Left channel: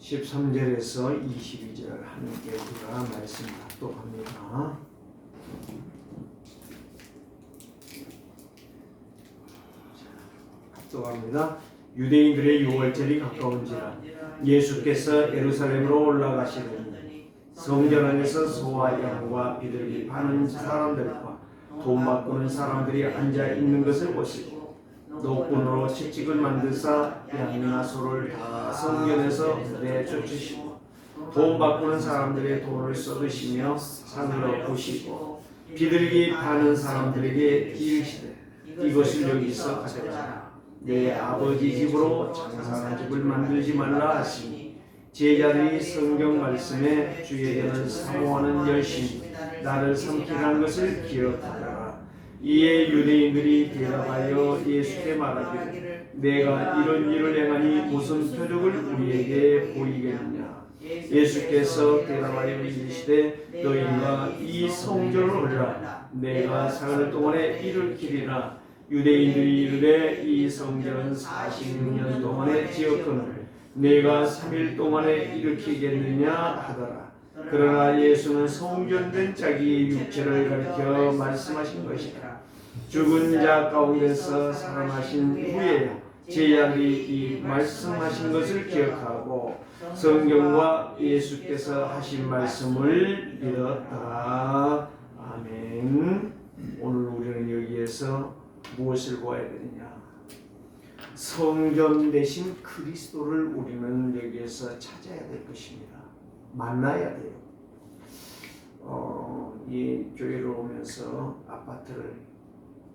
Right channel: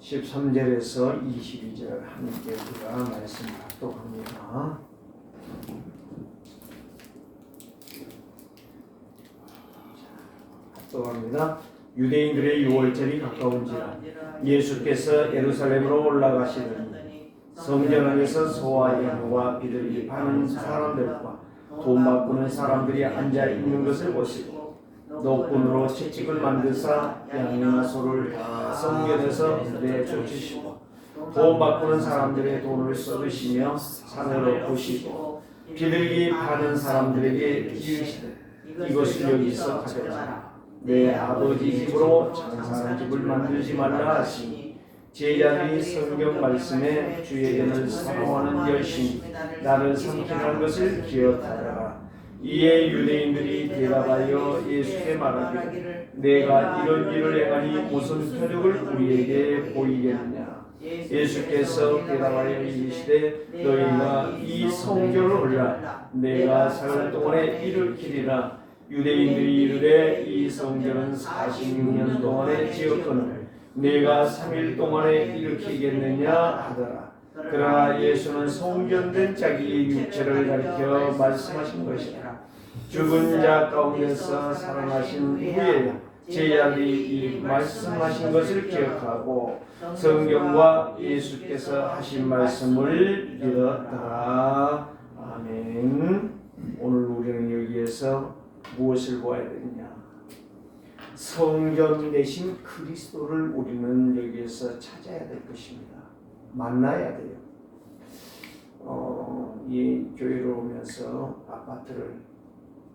13절에서 22절 함께 우리가 말씀 합독합니다. 합독합니다. 유대인들의 유월절이 가까운지라 예수께서 예루살렘으로 올라가시더니 성전 안에서 소와 양과 비둘기 파는 사람들과 돈 바꾸는 사람들이 앉아 있는 것을 보시고 노끈으로 채찍을 만드사 양이나 소를 다 성전에서 내쫓으시고 돈 바꾸는 사람들의 돈을 쏟으시며 산으로 부시고 비둘기 파는 사람들에게 이르시되 이것을 여기서 가져가라. 내 아버지 집으로 장사하는 집을 만들지 말라 하시니 제자들이 성경 말씀에 주에게는 사모하는 열심히 나를 섬기는 것을 기억하더라. 이에 유대인들이 대답하여 예수께 말하기를 내가 이런 일을 행하니 무슨 표적을 우리에게 보이겠느냐. 예수께서 대답하여 이르시되 너희가 이 성전을 올라 내가 생활 동안에 일으키리라. 유대인들이 이르되 이 성전은 40년 동안에 지었거늘 내가 3일 동안에 일으키겠느냐 하더라. 그러나 예수는 성전된 자기의 육체를 가리켜 말씀하신 것이라. 죽은 자 가운데서 살아나신 후에 제자들이 이 말씀하신 것을 기억하고 성경과 예수께서 하신 말씀을 믿었다. 아멘. 오늘 우리는 여기에서 무엇을 보아야 되느냐? 성전 대신 그리스도를 우리는 여기에서 찾아야 될 것입니다. 만나야 돼요. 이 교회로 오면서 아파트를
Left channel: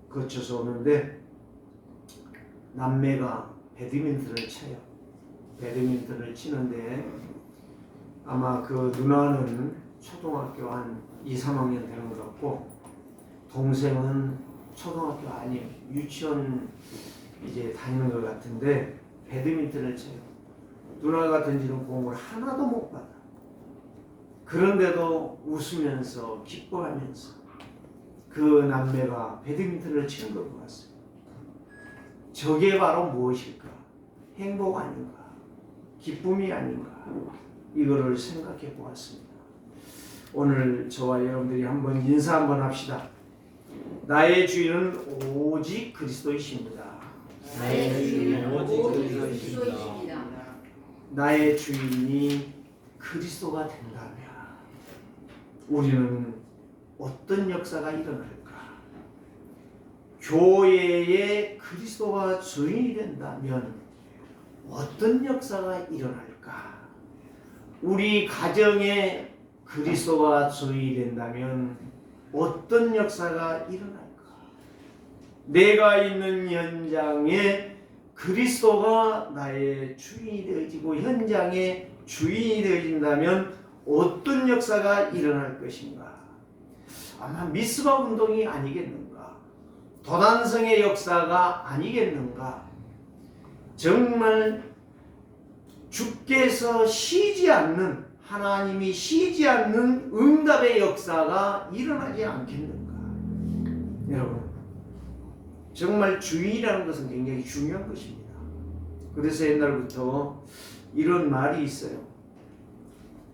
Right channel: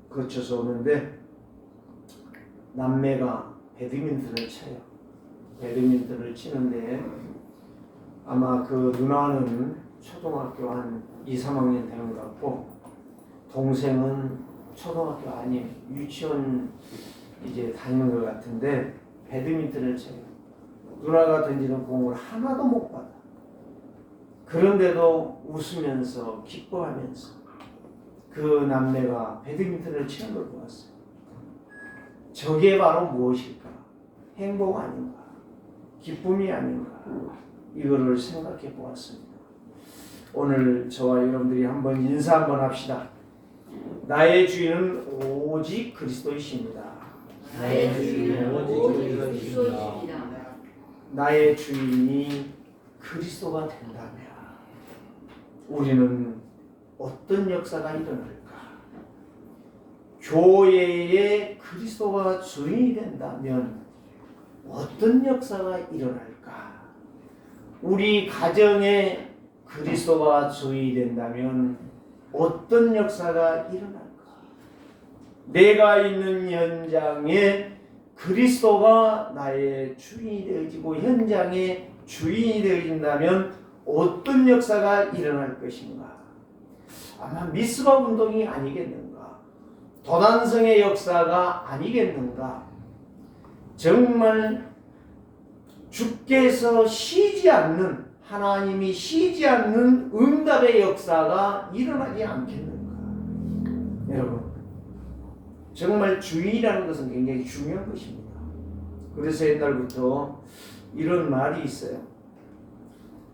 거쳐서 오는데 남매가 배드민턴을 쳐요. 배드민턴을 치는데 아마 그 누나는 초등학교 한 2, 3학년 되는 것 같고 동생은 초등학교 아니에요. 유치원 이제 다니는 것 같은데 배드민턴을 쳐요. 누나가 던지는 공을 하나도 못 받아. 그런데도 웃으면서 기뻐하면서 그 남매가 배드민턴을 치는 걸 보았어요. 저게 바로 무엇일까? 행복 아닌가? 기쁨이 아닌가? 이거를 생각해 보았습니다. 오늘 저와 여러분들이 한번 인사 한번 합시다. 나의 주인은 오직 그리스도이십니다. 나의 주인은 오직 그리스도이십니다. 나의 주인이 그리스도가 된다면 우리는 어떤 역사가 일어날까? 교회에 그리스도가 주인이 된다면 어떤 역사가 일어날까? 우리 가정에 그리스도가 주인이 된다면 어떤 역사가 일어날까? 내가 있는 현장에 그리스도가 나의 주인이 되어지고 현장의 주인이 되어진다면 어떤 역사가 일어날 것인가? 아마 미스바 운동이 아니겠는가? 도단성의 역사가 아니겠는가? 정말 주께서 쉬지 않는 하나님이 쉬지 않는 응답의 역사가 일어나지 않겠는가? 여러분, 정말 주인이라는 것은 굉장히 중요한 것입니다. 그래서 옛날부터 이런 말이 있어요.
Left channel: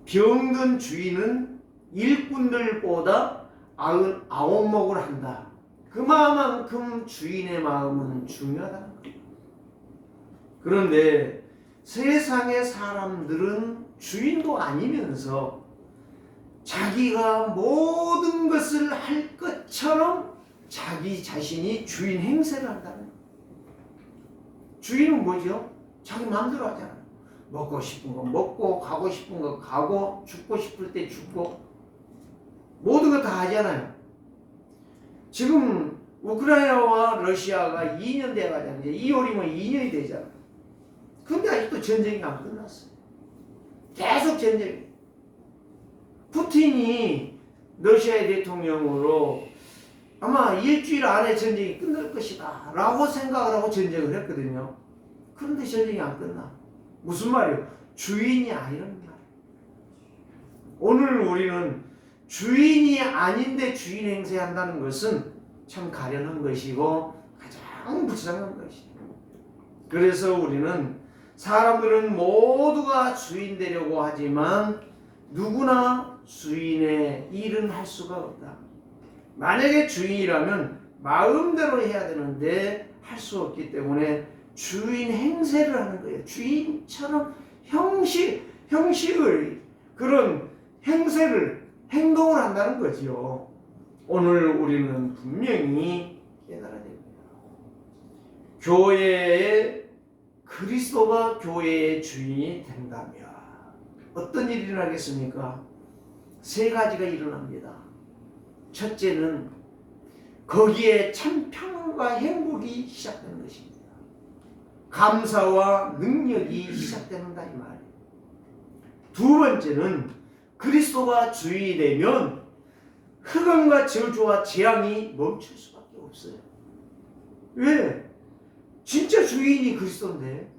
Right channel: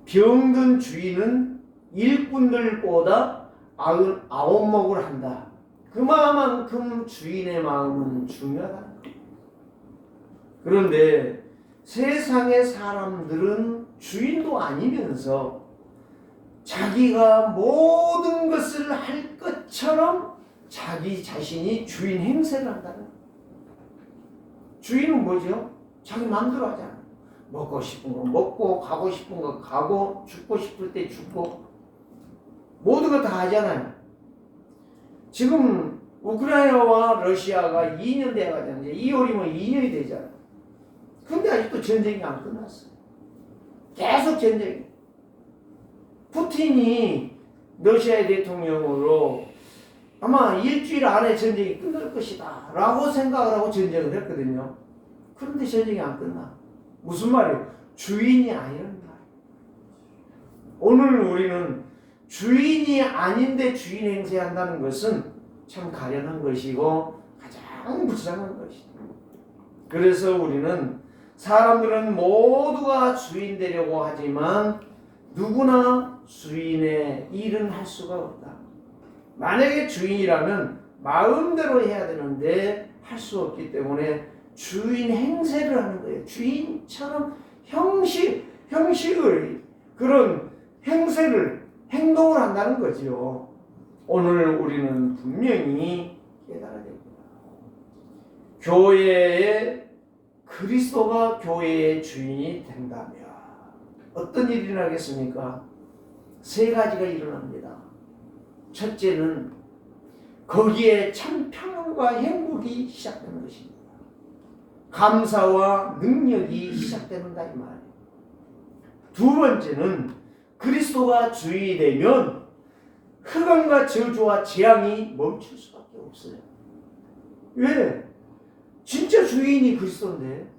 병든 주인은 일꾼들보다 99목을 한다. 그만큼 주인의 마음은 중요하다. 그런데 세상의 사람들은 주인도 아니면서 자기가 모든 것을 할 것처럼 자기 자신이 주인 행세를 한다는 거예요. 주인은 뭐죠? 자기 마음대로 하잖아. 먹고 싶은 거 먹고 가고 싶은 거 가고 죽고 싶을 때 죽고 모든 거 다 하잖아요. 지금 우크라이나와 러시아가 2년 돼가잖아요. 2월이면 2년이 되잖아. 근데 아직도 전쟁이 안 끝났어요. 계속 전쟁이. 푸틴이 러시아의 대통령으로 아마 일주일 안에 전쟁이 끝날 것이다 라고 생각을 하고 전쟁을 했거든요. 그런데 전쟁이 안 끝나. 무슨 말이에요? 주인이 아니라는 말이에요. 오늘 우리는 주인이 아닌데 주인 행세한다는 것은 참 가련한 것이고 가장 불쌍한 것이죠. 그래서 우리는 사람들은 모두가 주인 되려고 하지만 누구나 주인의 일은 할 수가 없다. 만약에 주인이라면 마음대로 해야 되는데 할 수 없기 때문에 주인 행세를 하는 거예요. 주인처럼 형식을 그런 행동을 한다는 거죠. 오늘 우리는 분명히 깨달아야 됩니다. 그리스도가 교회의 주인이 된다면 어떤 일이 일어나겠습니까? 세 가지가 일어납니다. 첫째는 거기에 참 평안과 행복이 시작되는 것입니다. 감사와 능력이 시작된다 이 말이에요. 두 번째는 그리스도가 주인이 되면 흑암과 저주와 재앙이 멈출 수밖에 없어요. 왜? 진짜 주인이 그리스도인데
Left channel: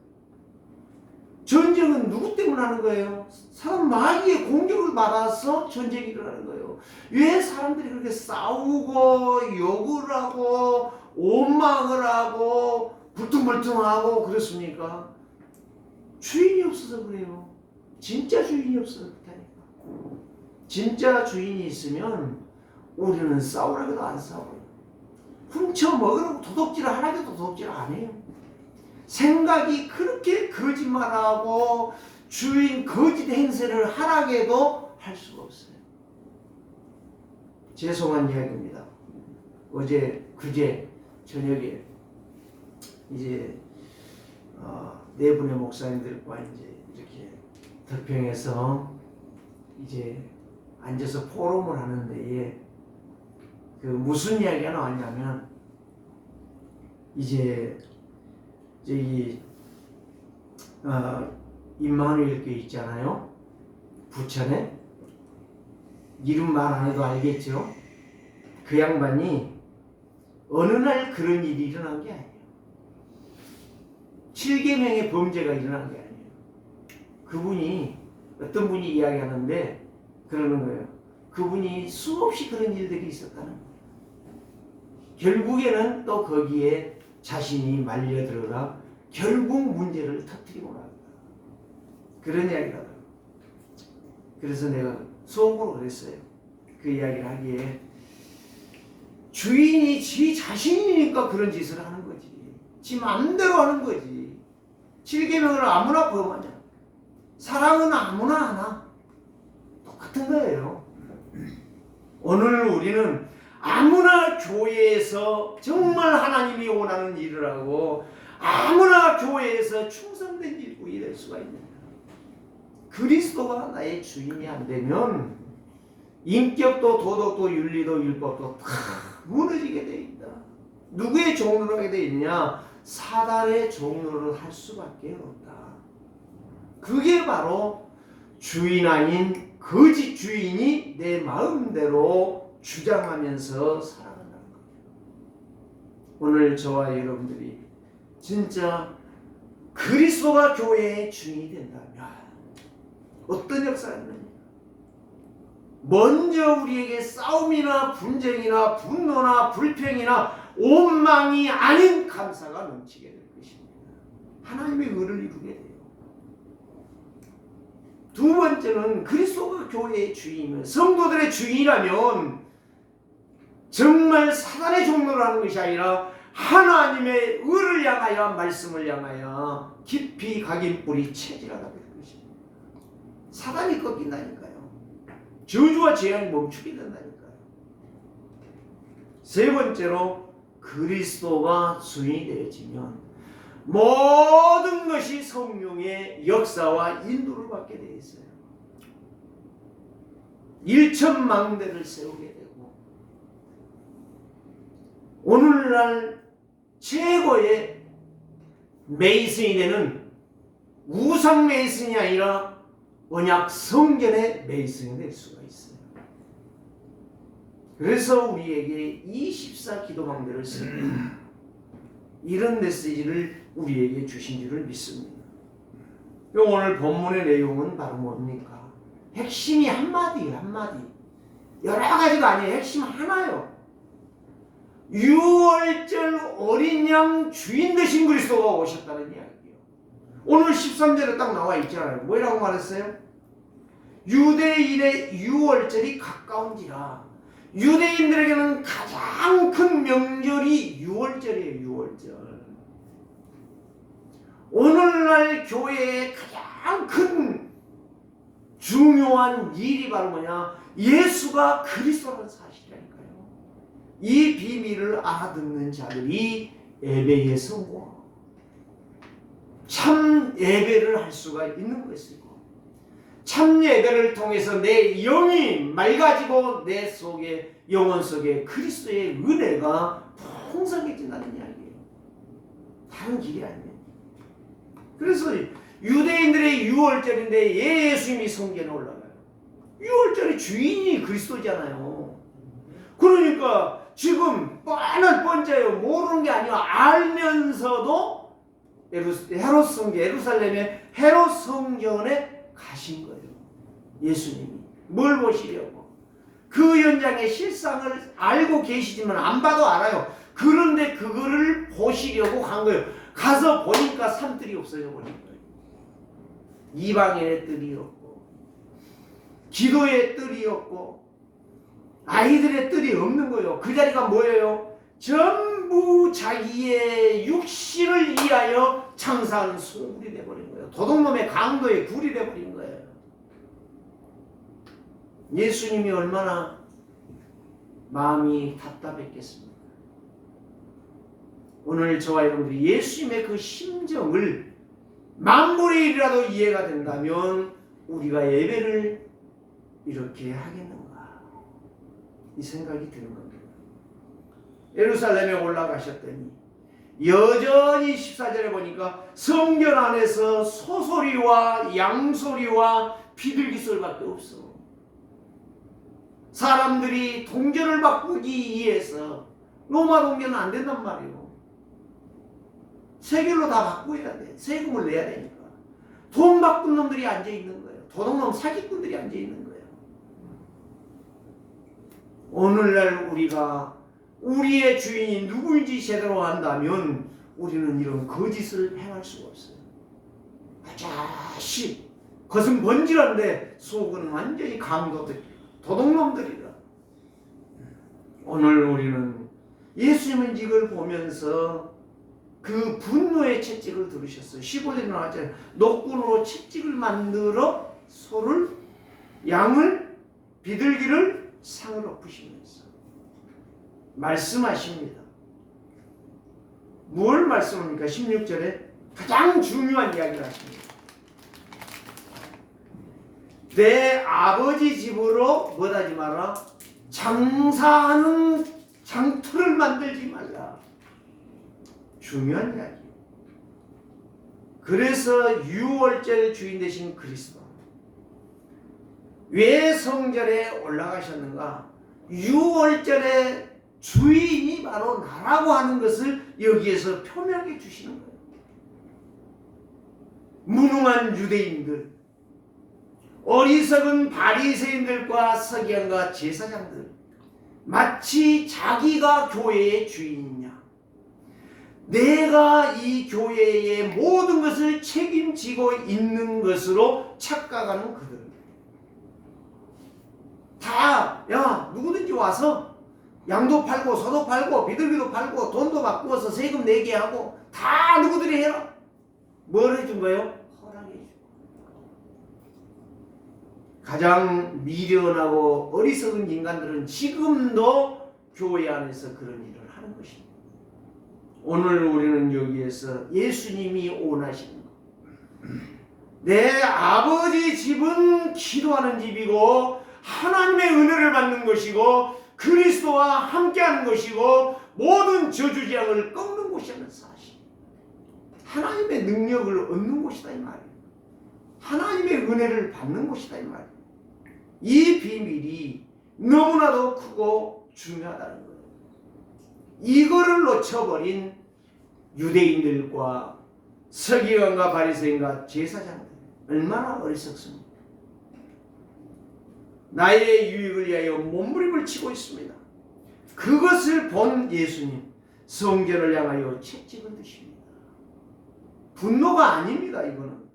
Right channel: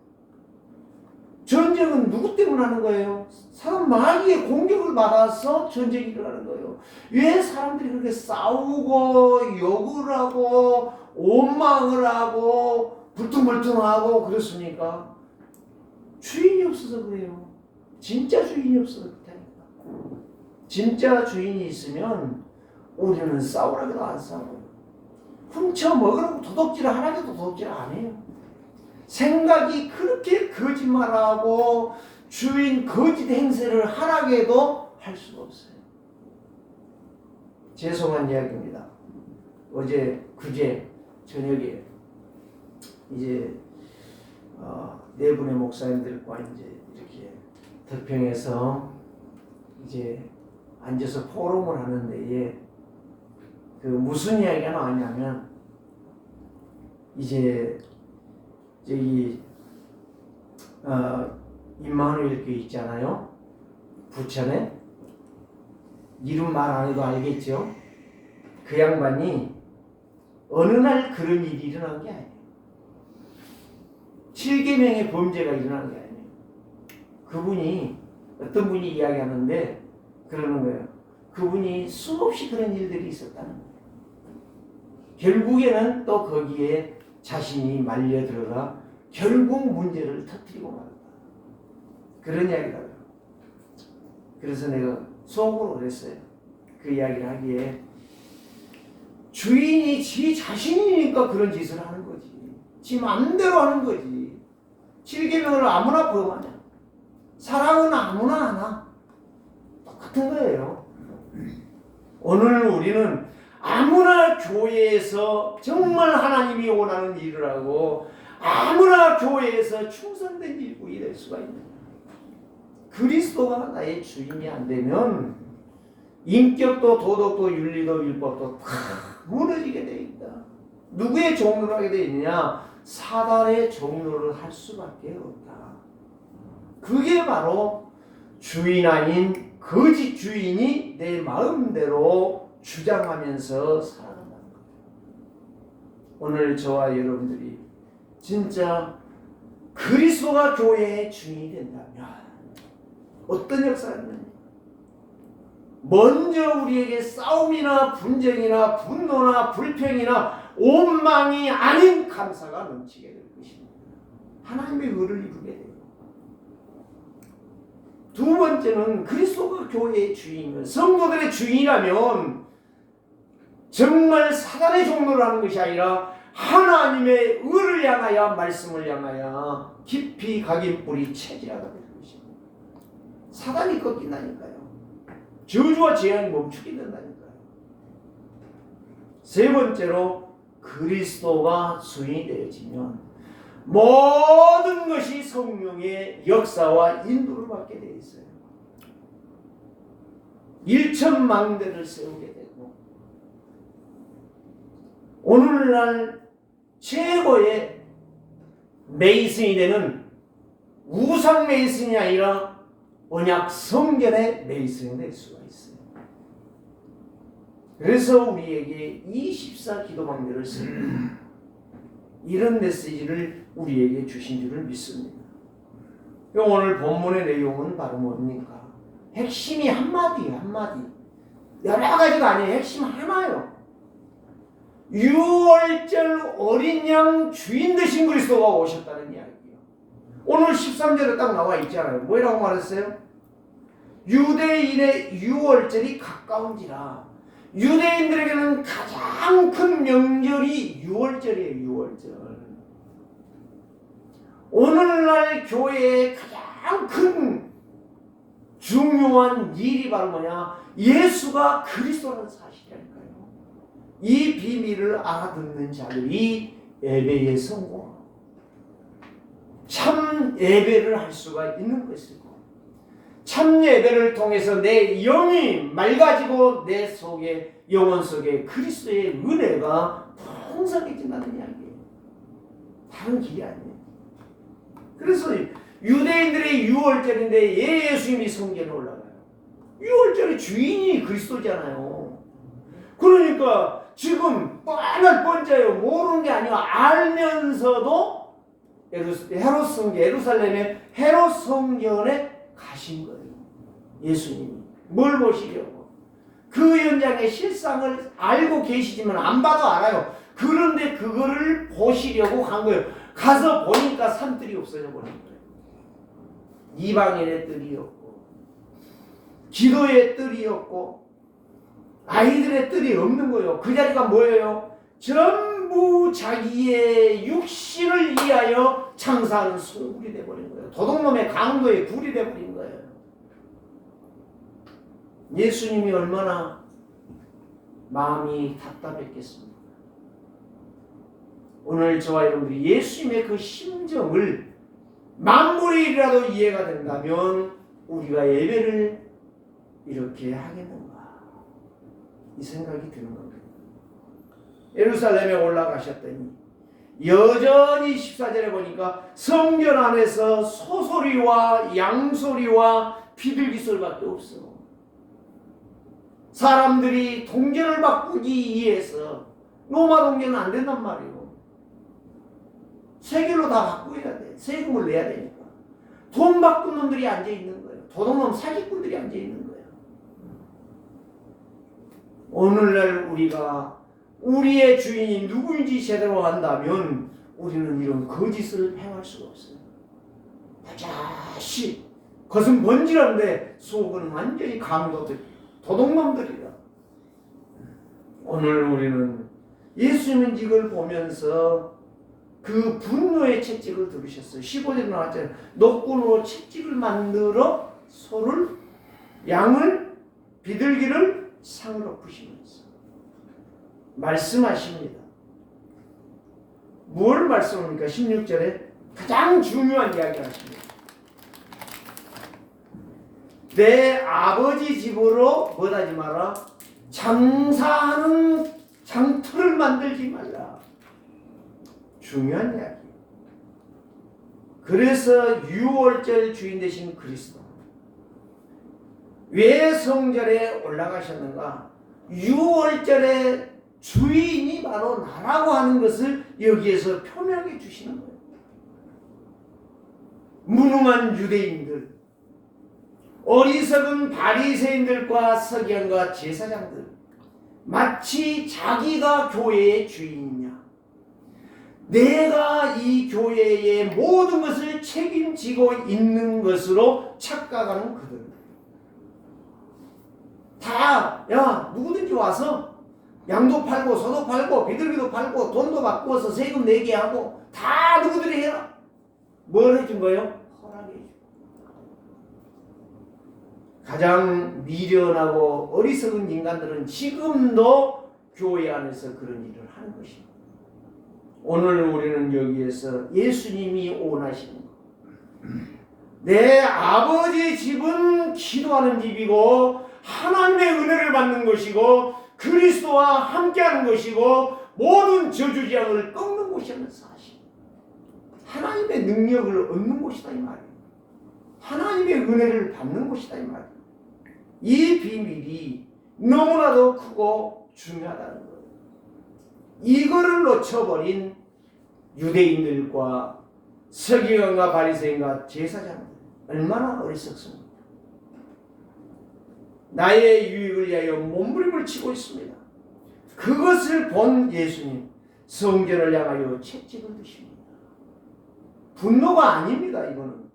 전쟁은 누구 때문에 하는 거예요? 사람 마귀의 공격을 받아서 전쟁이 일어나는 거예요. 왜 사람들이 그렇게 싸우고 욕을 하고 원망을 하고 불퉁불퉁하고 그렇습니까? 주인이 없어서 그래요. 진짜 주인이 없어서 그렇다니까. 진짜 주인이 있으면 우리는 싸우라고도 안 싸워요. 훔쳐 먹으라고 도둑질을 하라고도 도둑질을 안 해요. 생각이 그렇게 거짓말하고 주인 거짓 행세를 하라고도 할 수가 없어요. 죄송한 이야기입니다. 그제 저녁에 이제 네 분의 목사님들과 이제 이렇게 덕평에서 이제 앉아서 포럼을 하는데 그 무슨 이야기가 나왔냐면 이제 저기 임마누엘 교회 있잖아요. 부천에 이름 말 안 해도 알겠죠. 그 양반이 어느 날 그런 일이 일어난 게 아니에요. 7계명의 범죄가 일어난 게 아니에요. 그분이 어떤 분이 이야기하는데 그러는 거예요. 그분이 수없이 그런 일들이 있었다는 거예요. 결국에는 또 거기에 자신이 말려 들어가 결국 문제를 터뜨리고 말았다. 그런 이야기를 하더라고요. 그래서 내가 속으로 그랬어요. 그 이야기를 하기에 주인이 지 자신이니까 그런 짓을 하는 거지. 지 맘대로 하는 거지. 7계명을 아무나 범하냐. 사랑은 아무나 하나. 똑같은 거예요. 오늘 우리는 아무나 교회에서 정말 하나님이 원하는 일을 하고 아무나 교회에서 충성된 일꾼이 될 수가 있느냐. 그리스도가 나의 주인이 안 되면 인격도 도덕도 윤리도 율법도 다 무너지게 돼 있다. 누구의 종로를 하게 돼 있느냐? 사단의 종로를 할 수밖에 없다. 그게 바로 주인 아닌 거짓 주인이 내 마음대로 주장하면서 살아간다는 거예요. 오늘 저와 여러분들이 진짜 그리스도가 교회의 주인이 된다면 어떤 역사가 있느냐? 먼저 우리에게 싸움이나 분쟁이나 분노나 불평이나 원망이 아닌 감사가 넘치게 될 것입니다. 하나님의 의를 이루게 돼요. 두 번째는 그리스도가 교회의 주인이면 성도들의 주인이라면 정말 사단의 종로를 하는 것이 아니라 하나님의 의를 향하여 말씀을 향하여 깊이 각인 뿌리 체질하게 될 것입니다. 사단이 꺾인다니까요. 저주와 재앙이 멈추게 된다니까요. 세 번째로 그리스도가 주인이 되어지면 모든 것이 성령의 역사와 인도를 받게 되어 있어요. 일천망대를 세우게 되고 오늘날 최고의 메이슨이 되는 우상 메이슨이 아니라 언약 성결의 메이슨이 될 수가 있어요. 그래서 우리에게 24 기도방들을 쓰는 이런 메시지를 우리에게 주신 줄을 믿습니다. 오늘 본문의 내용은 바로 뭡니까? 핵심이 한마디예요. 한마디. 여러 가지가 아니에요. 핵심 하나요. 유월절 어린 양 주인 되신 그리스도가 오셨다는 이야기예요. 오늘 13절에 딱 나와 있잖아요. 뭐라고 말했어요? 유대인의 유월절이 가까운지라. 유대인들에게는 가장 큰 명절이 유월절이에요. 유월절. 오늘날 교회의 가장 큰 중요한 일이 바로 뭐냐? 예수가 그리스도라는 사실이라니까요. 이 비밀을 알아듣는 자들이 예배에 성공, 참 예배를 할 수가 있는 것이고, 참 예배를 통해서 내 영이 맑아지고 내 속에, 영혼 속에 그리스도의 은혜가 풍성해진다는 이야기예요. 다른 길이 아니에요. 그래서 유대인들의 유월절인데 예수님이 성전에 올라가요. 유월절의 주인이 그리스도잖아요. 그러니까 지금 뻔한 뻔자예요. 모르는 게 아니라 알면서도 헤롯 성전, 예루살렘의 헤롯 성전에 가신 거예요. 예수님이 뭘 보시려고? 그 현장의 실상을 알고 계시지만 안 봐도 알아요. 그런데 그거를 보시려고 간 거예요. 가서 보니까 산들이 없어져 버린 거예요. 이방인의 뜰이 없고, 기도의 뜰이 없고, 아이들의 뜰이 없는 거예요. 그 자리가 뭐예요? 전부 자기의 육신을 위하여 창사하는 소굴이 되어버린 거예요. 도둑놈의 강도의 굴이 되어버린 거예요. 예수님이 얼마나 마음이 답답했겠습니까? 오늘 저와 여러분들이 예수님의 그 심정을 만분의 일이라도 이해가 된다면 우리가 예배를 이렇게 하겠는가, 이 생각이 드는 겁니다. 예루살렘에 올라가셨더니 여전히 14절에 보니까 성전 안에서 소소리와 양소리와 비둘기 소리밖에 없어. 사람들이 동전을 바꾸기 위해서, 로마 동전은 안 된단 말이에요. 세겔로 다 바꿔야 돼. 세금을 내야 되니까. 돈 바꾼 놈들이 앉아있는 거예요. 도둑놈 사기꾼들이 앉아있는 거예요. 오늘날 우리가 우리의 주인이 누구인지 제대로 안다면 우리는 이런 거짓을 행할 수가 없어요. 아자씨, 겉은 번지런데 속은 완전히 강도들, 도둑놈들이다. 오늘 우리는 예수님은 이걸 보면서 그 분노의 채찍을 들으셨어요. 15절에 나왔잖아요. 노끈으로 채찍을 만들어 소를, 양을, 비둘기를 상을 엎으시면서 말씀하십니다. 뭘 말씀합니까? 16절에 가장 중요한 이야기를 하십니다. 내 아버지 집으로 뭐하지 마라? 장사하는 장터를 만들지 말라. 중요한 이야기. 그래서 유월절 주인 되신 그리스도, 왜 성전에 올라가셨는가? 유월절의 주인이 바로 나라고 하는 것을 여기에서 표명해 주시는 거예요. 무능한 유대인들, 어리석은 바리새인들과 서기관과 제사장들, 마치 자기가 교회의 주인이냐, 내가 이 교회의 모든 것을 책임지고 있는 것으로 착각하는 그들. 다, 야, 누구든지 와서 양도 팔고 소도 팔고 비둘기도 팔고 돈도 바꾸어서 세금 내게 하고 다 누구들이 해라. 뭘 해준 거예요? 허락해 준. 가장 미련하고 어리석은 인간들은 지금도 교회 안에서 그런 일을 하는 것입니다. 오늘 우리는 여기에서 예수님이 원하시는 것, 내 아버지 집은 기도하는 집이고 하나님의 은혜를 받는 것이고 그리스도와 함께하는 것이고 모든 저주지향을 꺾는 곳이라는 사실, 하나님의 능력을 얻는 곳이다 이 말이에요. 하나님의 은혜를 받는 곳이다 이 말이에요. 이 비밀이 너무나도 크고 중요하다는 거예요. 이거를 놓쳐버린 유대인들과 서기관과 바리새인과 제사장들, 얼마나 어리석습니까? 나의 유익을 위하여 몸부림을 치고 있습니다. 그것을 본 예수님 성전을 향하여 채찍을 드십니다. 분노가 아닙니다. 이거는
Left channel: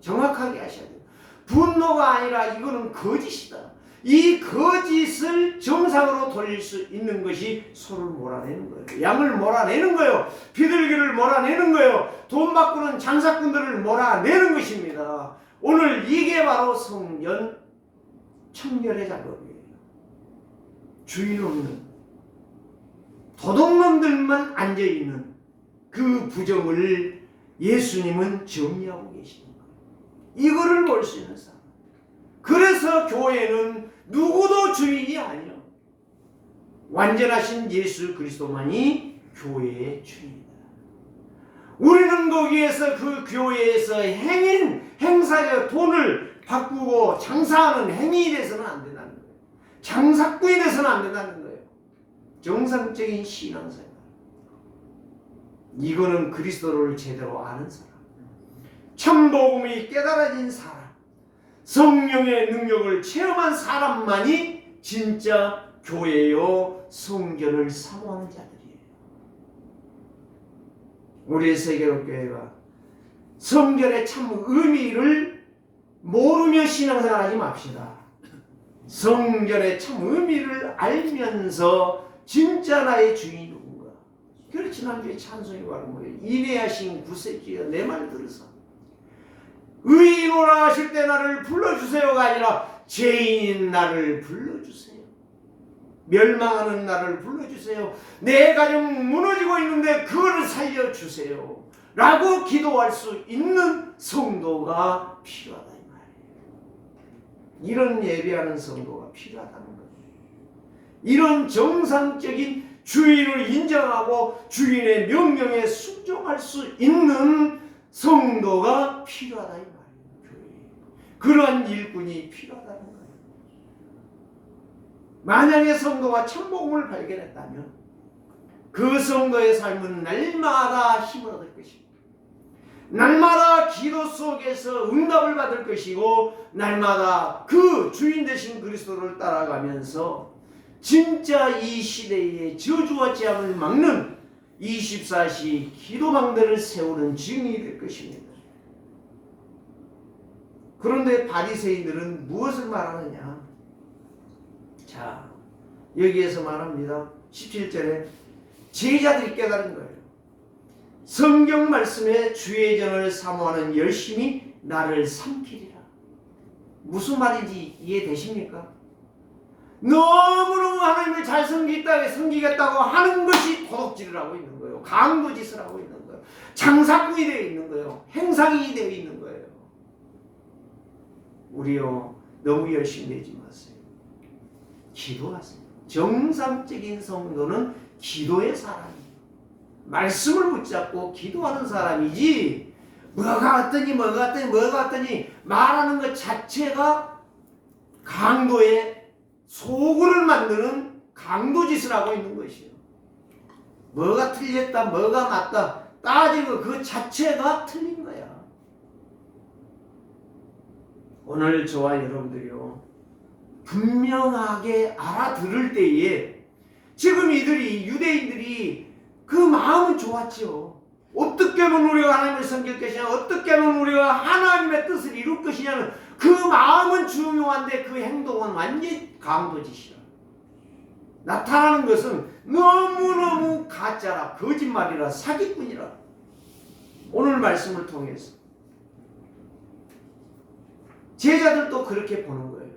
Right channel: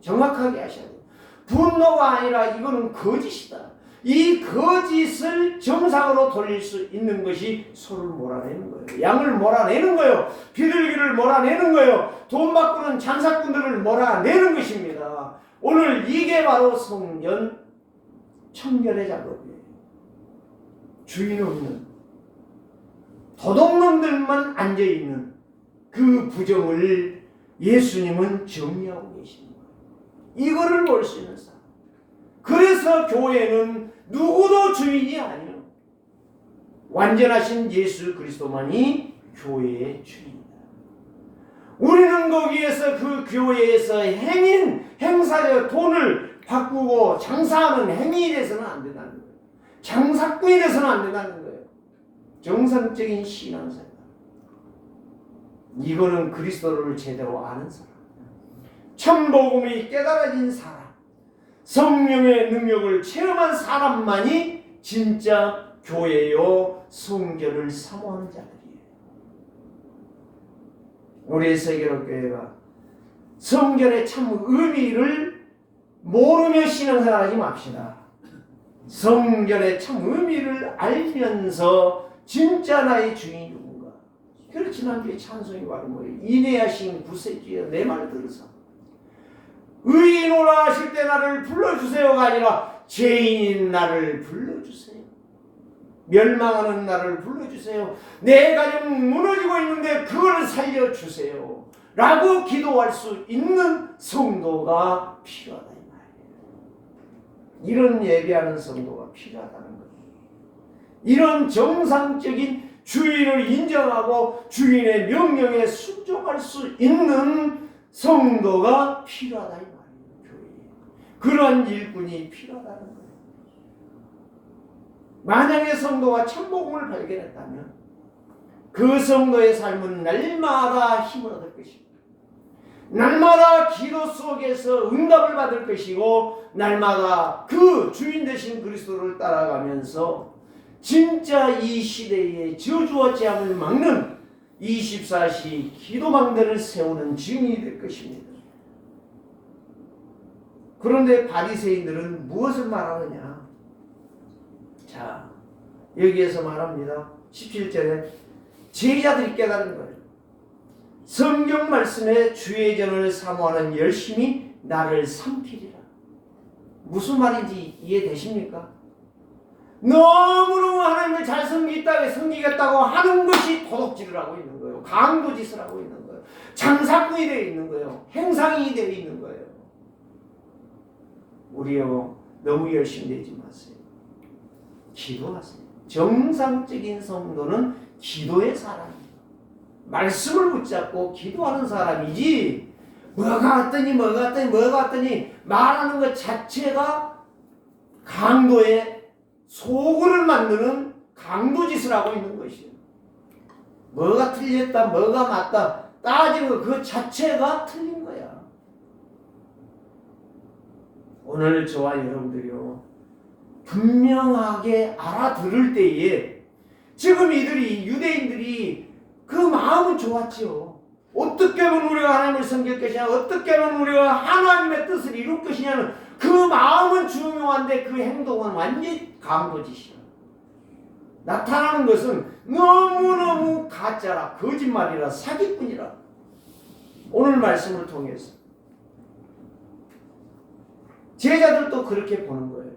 정확하게 하셔야 돼요. 분노가 아니라 이거는 거짓이다. 이 거짓을 정상으로 돌릴 수 있는 것이 소를 몰아내는 거예요. 양을 몰아내는 거예요. 비둘기를 몰아내는 거예요. 돈 바꾸는 장사꾼들을 몰아내는 것입니다. 오늘 이게 바로 성전 청결의 작업이에요. 주인 없는 도둑놈들만 앉아있는 그 부정을 예수님은 정리하고 계십니다. 이거를 볼 수 있는 사람. 그래서 교회는 누구도 주인이 아니요. 완전하신 예수 그리스도만이 교회의 주인이다. 우리는 거기에서 그 교회에서 행사적 돈을 바꾸고 장사하는 행위에 대해서는 안 된다는 거예요. 장사꾼이 돼서는 안 된다는 거예요. 정상적인 신앙생활. 이거는 그리스도를 제대로 아는 사람, 참복음이 깨달아진 사람, 성령의 능력을 체험한 사람만이 진짜 교회요 성전을 사모하는 자들이에요. 우리 세계로교회가 성전의 참 의미를 모르며 신앙생활하지 맙시다. 성전의 참 의미를 알면서 진짜 나의 주인이 누군가. 그래서 지난주에 찬송이 바로 뭐예요? 인내하신 구세주여 내 말을 들으사 의인오라 하실 때 나를 불러주세요가 아니라 죄인인 나를 불러주세요. 멸망하는 나를 불러주세요. 내 가정 무너지고 있는데 그걸 살려주세요 라고 기도할 수 있는 성도가 필요하다 이 말이에요. 이런 예배하는 성도가 필요하다는 거예요. 이런 정상적인 주인을 인정하고 주인의 명령에 순종할 수 있는 성도가 필요하다 이 말이에요. 교회에. 그런 일꾼이 필요하다는 거예요. 만약에 성도가 참복음을 발견했다면 그 성도의 삶은 날마다 힘을 얻을 것입니다. 날마다 기도 속에서 응답을 받을 것이고 날마다 그 주인 되신 그리스도를 따라가면서 진짜 이 시대의 저주와 재앙을 막는 24시 기도방들을 세우는 증인이 될 것입니다. 그런데 바리새인들은 무엇을 말하느냐? 자, 여기에서 말합니다. 17절에 제자들이 깨달은 거예요. 성경 말씀에 주의 전을 사모하는 열심이 나를 삼키리라. 무슨 말인지 이해되십니까? 너무너무 하나님을 잘 섬기겠다고 하는 것이 도둑질을 하고 있는 거예요. 강도짓을 하고 있는 거예요. 장사꾼이 되어 있는 거예요. 행상이 되어 있는 거예요. 우리요 너무 열심히 되지 마세요. 기도하세요. 정상적인 성도는 기도의 사람이에요. 말씀을 붙잡고 기도하는 사람이지 뭐가 왔더니 말하는 것 자체가 강도의 소굴을 만드는 강도짓을 하고 있는 것이에요. 뭐가 틀렸다 뭐가 맞다 따지는 것 그 자체가 틀린 거야. 오늘 저와 여러분들이요 분명하게 알아들을 때에 지금 이들이 유대인들이 그 마음은 좋았죠. 어떻게 하면 우리가 하나님을 섬길 것이냐, 어떻게 하면 우리가 하나님의 뜻을 이룰 것이냐는 그 마음은 중요한데 그 행동은 완전히 강도짓이라. 나타나는 것은 너무너무 가짜라, 거짓말이라, 사기꾼이라. 오늘 말씀을 통해서 제자들도 그렇게 보는 거예요.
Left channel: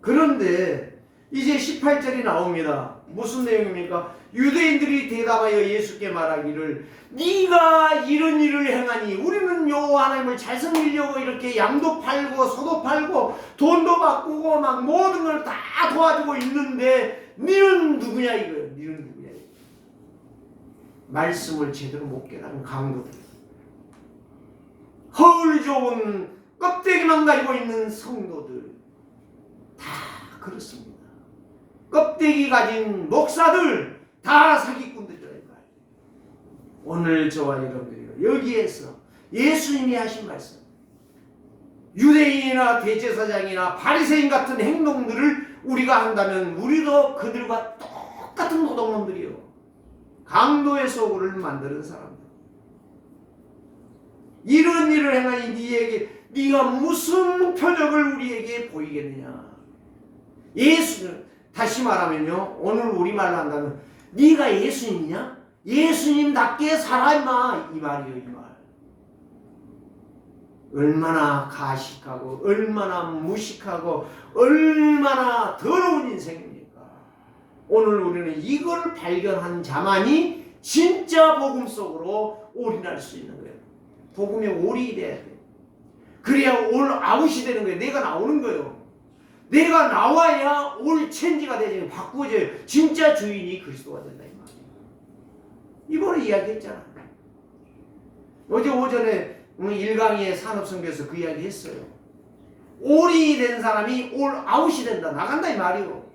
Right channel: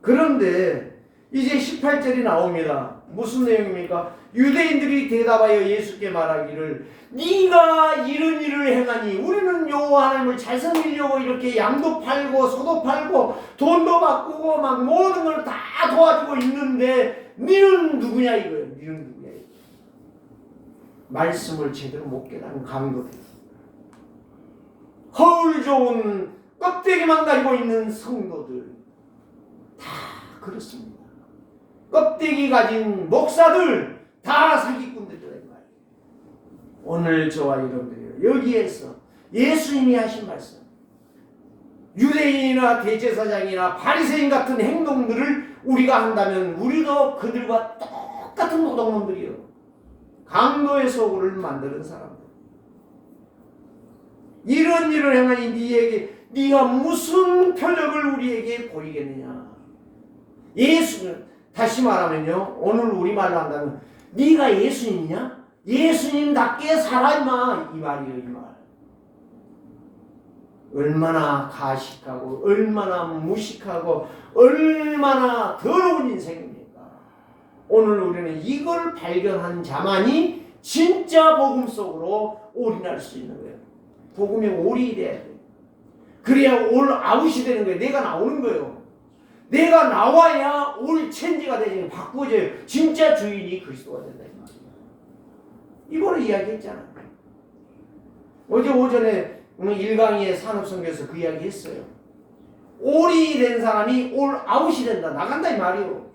그런데 이제 18절이 나옵니다. 무슨 내용입니까? 유대인들이 대답하여 예수께 말하기를 네가 이런 일을 행하니 우리는 요 하나님을 잘 섬기려고 이렇게 양도 팔고 소도 팔고 돈도 바꾸고 막 모든 걸 다 도와주고 있는데 너는 누구냐 이거예요. 너는 누구냐 이거예요. 말씀을 제대로 못 깨달은 강도들, 허울 좋은 껍데기만 가지고 있는 성도들 다 그렇습니다. 껍데기 가진 목사들 다 사기꾼들이란 말이에요. 오늘 저와 여러분들이 여기에서 예수님이 하신 말씀, 유대인이나 대제사장이나 바리새인 같은 행동들을 우리가 한다면 우리도 그들과 똑같은 도둑놈들이요. 강도의 소굴을 만드는 사람들. 이런 일을 행하니 네가 무슨 표적을 우리에게 보이겠느냐. 예수는 다시 말하면요, 오늘 우리말로 한다면 네가 예수님이냐? 예수님답게 살아 임마, 이 말이에요. 이 말. 얼마나 가식하고 얼마나 무식하고 얼마나 더러운 인생입니까? 오늘 우리는 이걸 발견한 자만이 진짜 복음 속으로 올인할 수 있는 거예요. 복음에 올인이 돼야 돼요. 그래야 올 아웃이 되는 거예요. 내가 나오는 거예요. 내가 나와야 올 체인지가 되지, 바꾸어져요. 진짜 주인이 그리스도가 된다 이 말이에요. 이번에 이야기했잖아. 어제 오전에 1강의의 산업선교에서 그 이야기 했어요. 올이 된 사람이 올 아웃이 된다. 나간다 이 말이에요.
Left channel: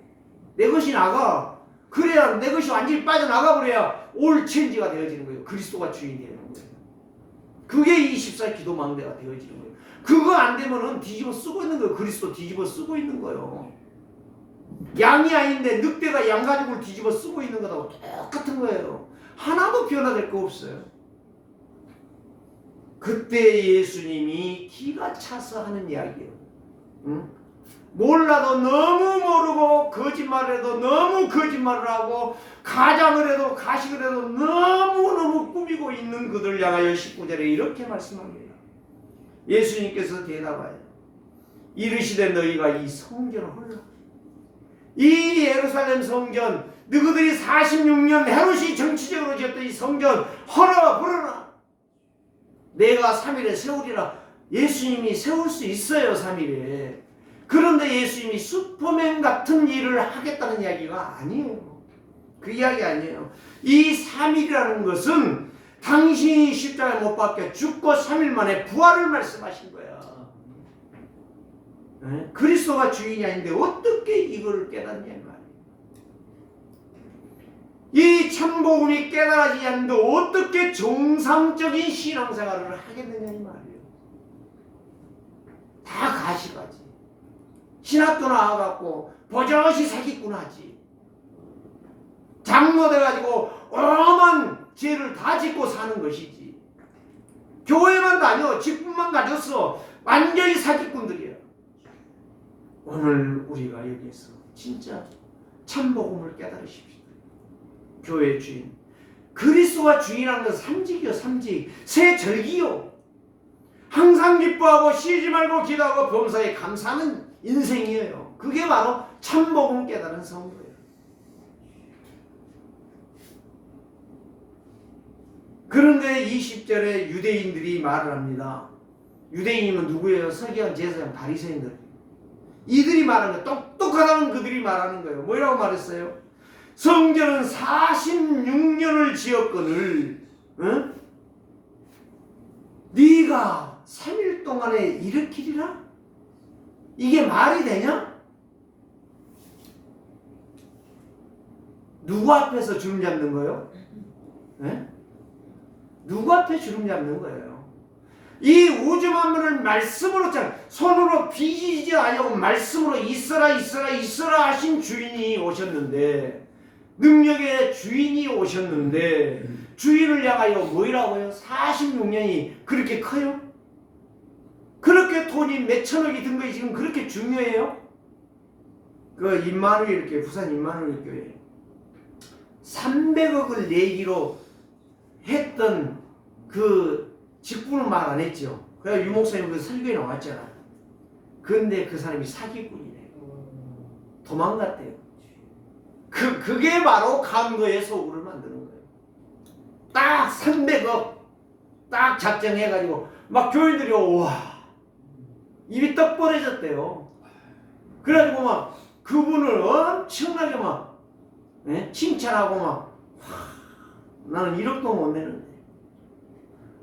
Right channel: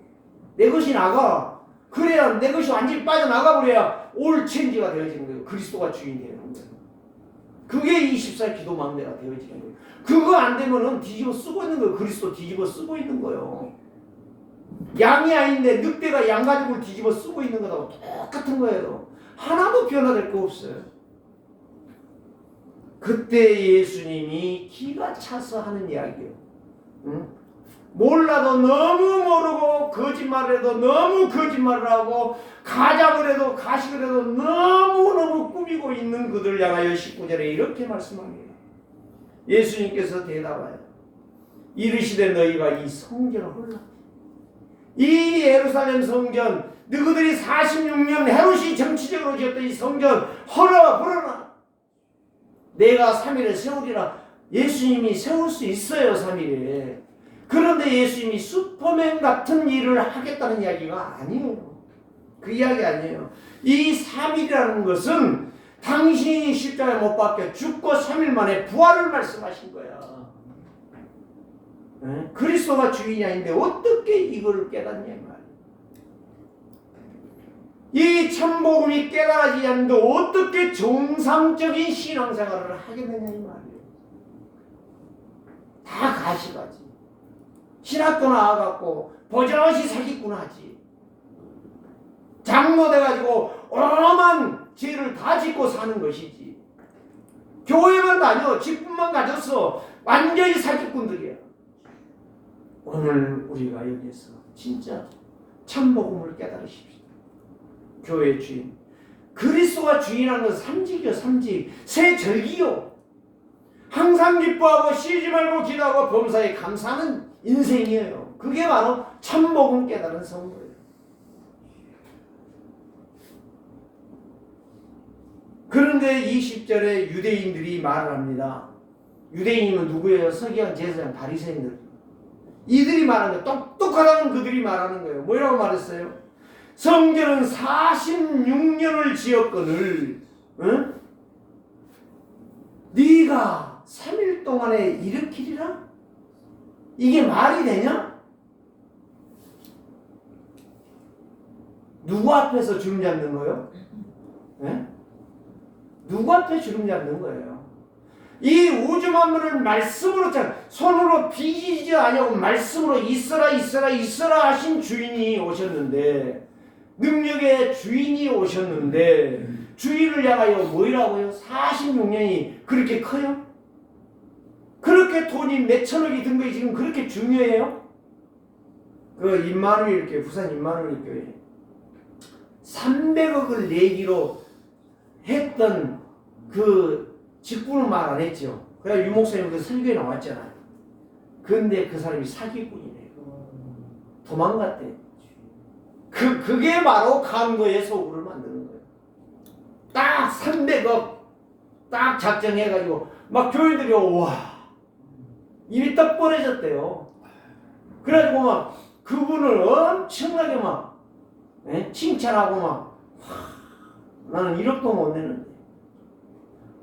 내 것이 나가. 그래야 내 것이 완전히 빠져나가 버려야 올 체인지가 되어지는 거예요. 그리스도가 주인이 되는 거예요. 그게 24 기도 마음대가 되어지는 거예요. 그거 안 되면은 뒤집어 쓰고 있는 거예요. 그리스도 뒤집어 쓰고 있는 거예요. 양이 아닌데 늑대가 양가죽을 뒤집어 쓰고 있는 거하고 똑같은 거예요. 하나도 변화될 거 없어요. 그때 예수님이 기가 차서 하는 이야기예요. 응? 몰라도 너무 모르고 거짓말을 해도 너무 거짓말을 하고 가장을 해도 가식을 해도 너무너무 꾸미고 있는 그들 향하여 19절에 이렇게 말씀합니다. 예수님께서 대답하여 이르시되 너희가 이 성전을 헐라. 이 예루살렘 성전, 너희들이 46년 헤롯이 정치적으로 지었던 이 성전 헐어버려라. 내가 3일에 세우리라. 예수님이 세울 수 있어요. 3일에. 그런데 예수님이 슈퍼맨 같은 일을 하겠다는 이야기가 아니에요. 그 이야기 아니에요. 이 3일이라는 것은 당신이 십자가에 못 박혀 죽고 3일 만에 부활을 말씀하신 거야. 네? 그리스도가 주인이 아닌데 어떻게 이걸 깨닫냐 말이에요. 이 참복음이 깨달아지지 않는데 어떻게 정상적인 신앙생활을 하겠느냐 이 말이에요. 다 가시가지. 신학교 나와갖고 버젓이 사기꾼 하지. 장로 돼가지고 오만 죄를 다 짓고 사는 것이지. 교회만 다녀 직분만 가졌어. 완전히 사기꾼들이야. 오늘 우리가 여기서 진짜 참복음을 깨달으십시오. 교회의 주인 그리스도가 주인한 건 삼직이요. 삼직 새 절기요. 항상 기뻐하고 쉬지 말고 기도하고 범사에 감사하는 인생이에요. 그게 바로 참복음 깨달은 성도예요. 그런데 20절에 유대인들이 말을 합니다. 유대인이면 누구예요? 서기관, 제사장, 바리새인들. 이들이 말하는 거예요. 똑똑하다는 그들이 말하는 거예요. 뭐라고 말했어요? 성전은 46년을 지었거늘 응? 네가 3일 동안에 일으키리라? 이게 말이 되냐? 누구 앞에서 주름 잡는 거예요? 네? 누구 앞에 주름 잡는 거예요? 이 우주 만물을 말씀으로 손으로 빚이지 아니고 말씀으로 있어라 있어라 있어라 하신 주인이 오셨는데, 능력의 주인이 오셨는데 주인을 향하여 뭐라고요? 46년이 그렇게 커요? 그렇게 돈이 몇천억이 든 것이 지금 그렇게 중요해요? 그 임마누엘 교회, 부산 임마누엘 교회 300억을 내기로 했던 그 직분은 말 안 했죠. 그래서 유 목사님 그 설교에 나왔잖아. 근데 그 사람이 사기꾼이네. 도망갔대요. 그게 바로 강도의 소굴을 만드는 거예요. 딱 300억 딱 작정해가지고 막 교인들이 와 입이 떡 벌어졌대요. 그래가지고 막 그분을 엄청나게 막 칭찬하고 막 나는 1억도 못 내는데,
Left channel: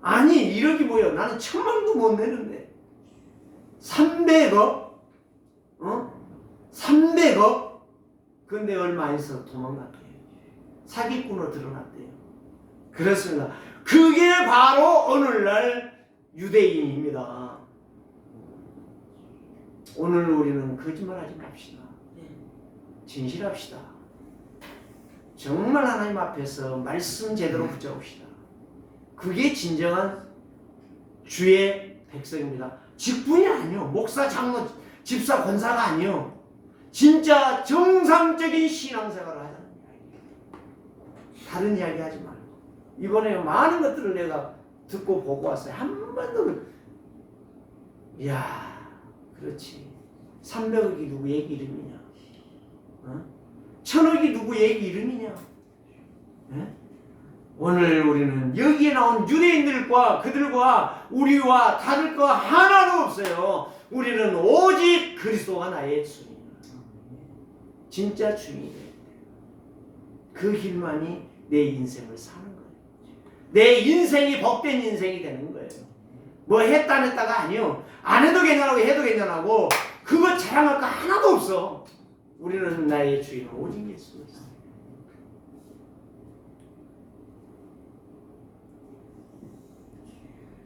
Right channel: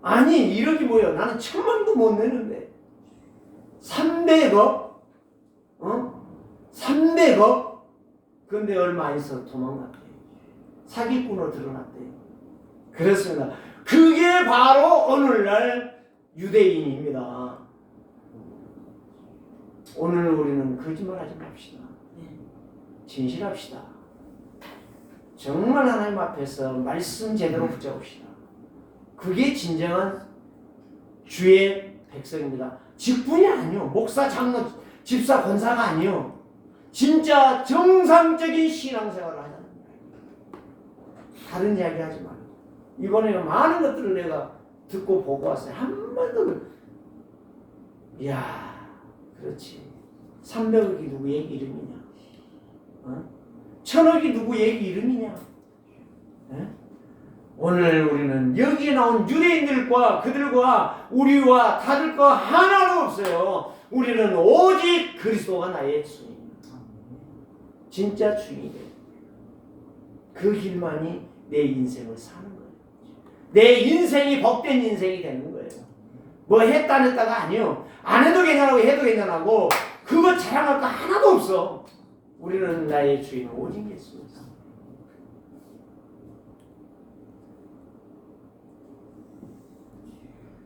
아니 1억이 뭐야, 나는 1000만도 못 내는데 300억? 300억? 근데 얼마 안 있어 도망갔대요. 사기꾼으로 드러났대요. 그렇습니다. 그게 바로 오늘날 유대인입니다. 오늘 우리는 거짓말하지 맙시다. 진실합시다. 정말 하나님 앞에서 말씀 제대로 붙잡읍시다. 그게 진정한 주의 백성입니다. 직분이 아니요. 목사, 장로, 집사, 권사가 아니요. 진짜 정상적인 신앙생활을 하자는 이야기예요. 다른 이야기 하지 말고. 이번에 많은 것들을 내가 듣고 보고 왔어요. 한 번도 이야, 그렇지. 300억이 누구의 이름이냐? 1000억이 누구의 이름이냐? 오늘 우리는 여기 나온 유대인들과 그들과 우리와 다를 거 하나도 없어요. 우리는 오직 그리스도가 나의 주입니다. 진짜 주인이 돼요. 그 길만이 내 인생을 사는 거예요. 내 인생이 복된 인생이 되는 거예요. 뭐 했다 안 했다가 아니요. 안 해도 괜찮고 해도 괜찮고 그거 자랑할 거 하나도 없어. 우리는 나의 주인 오직 예수입니다.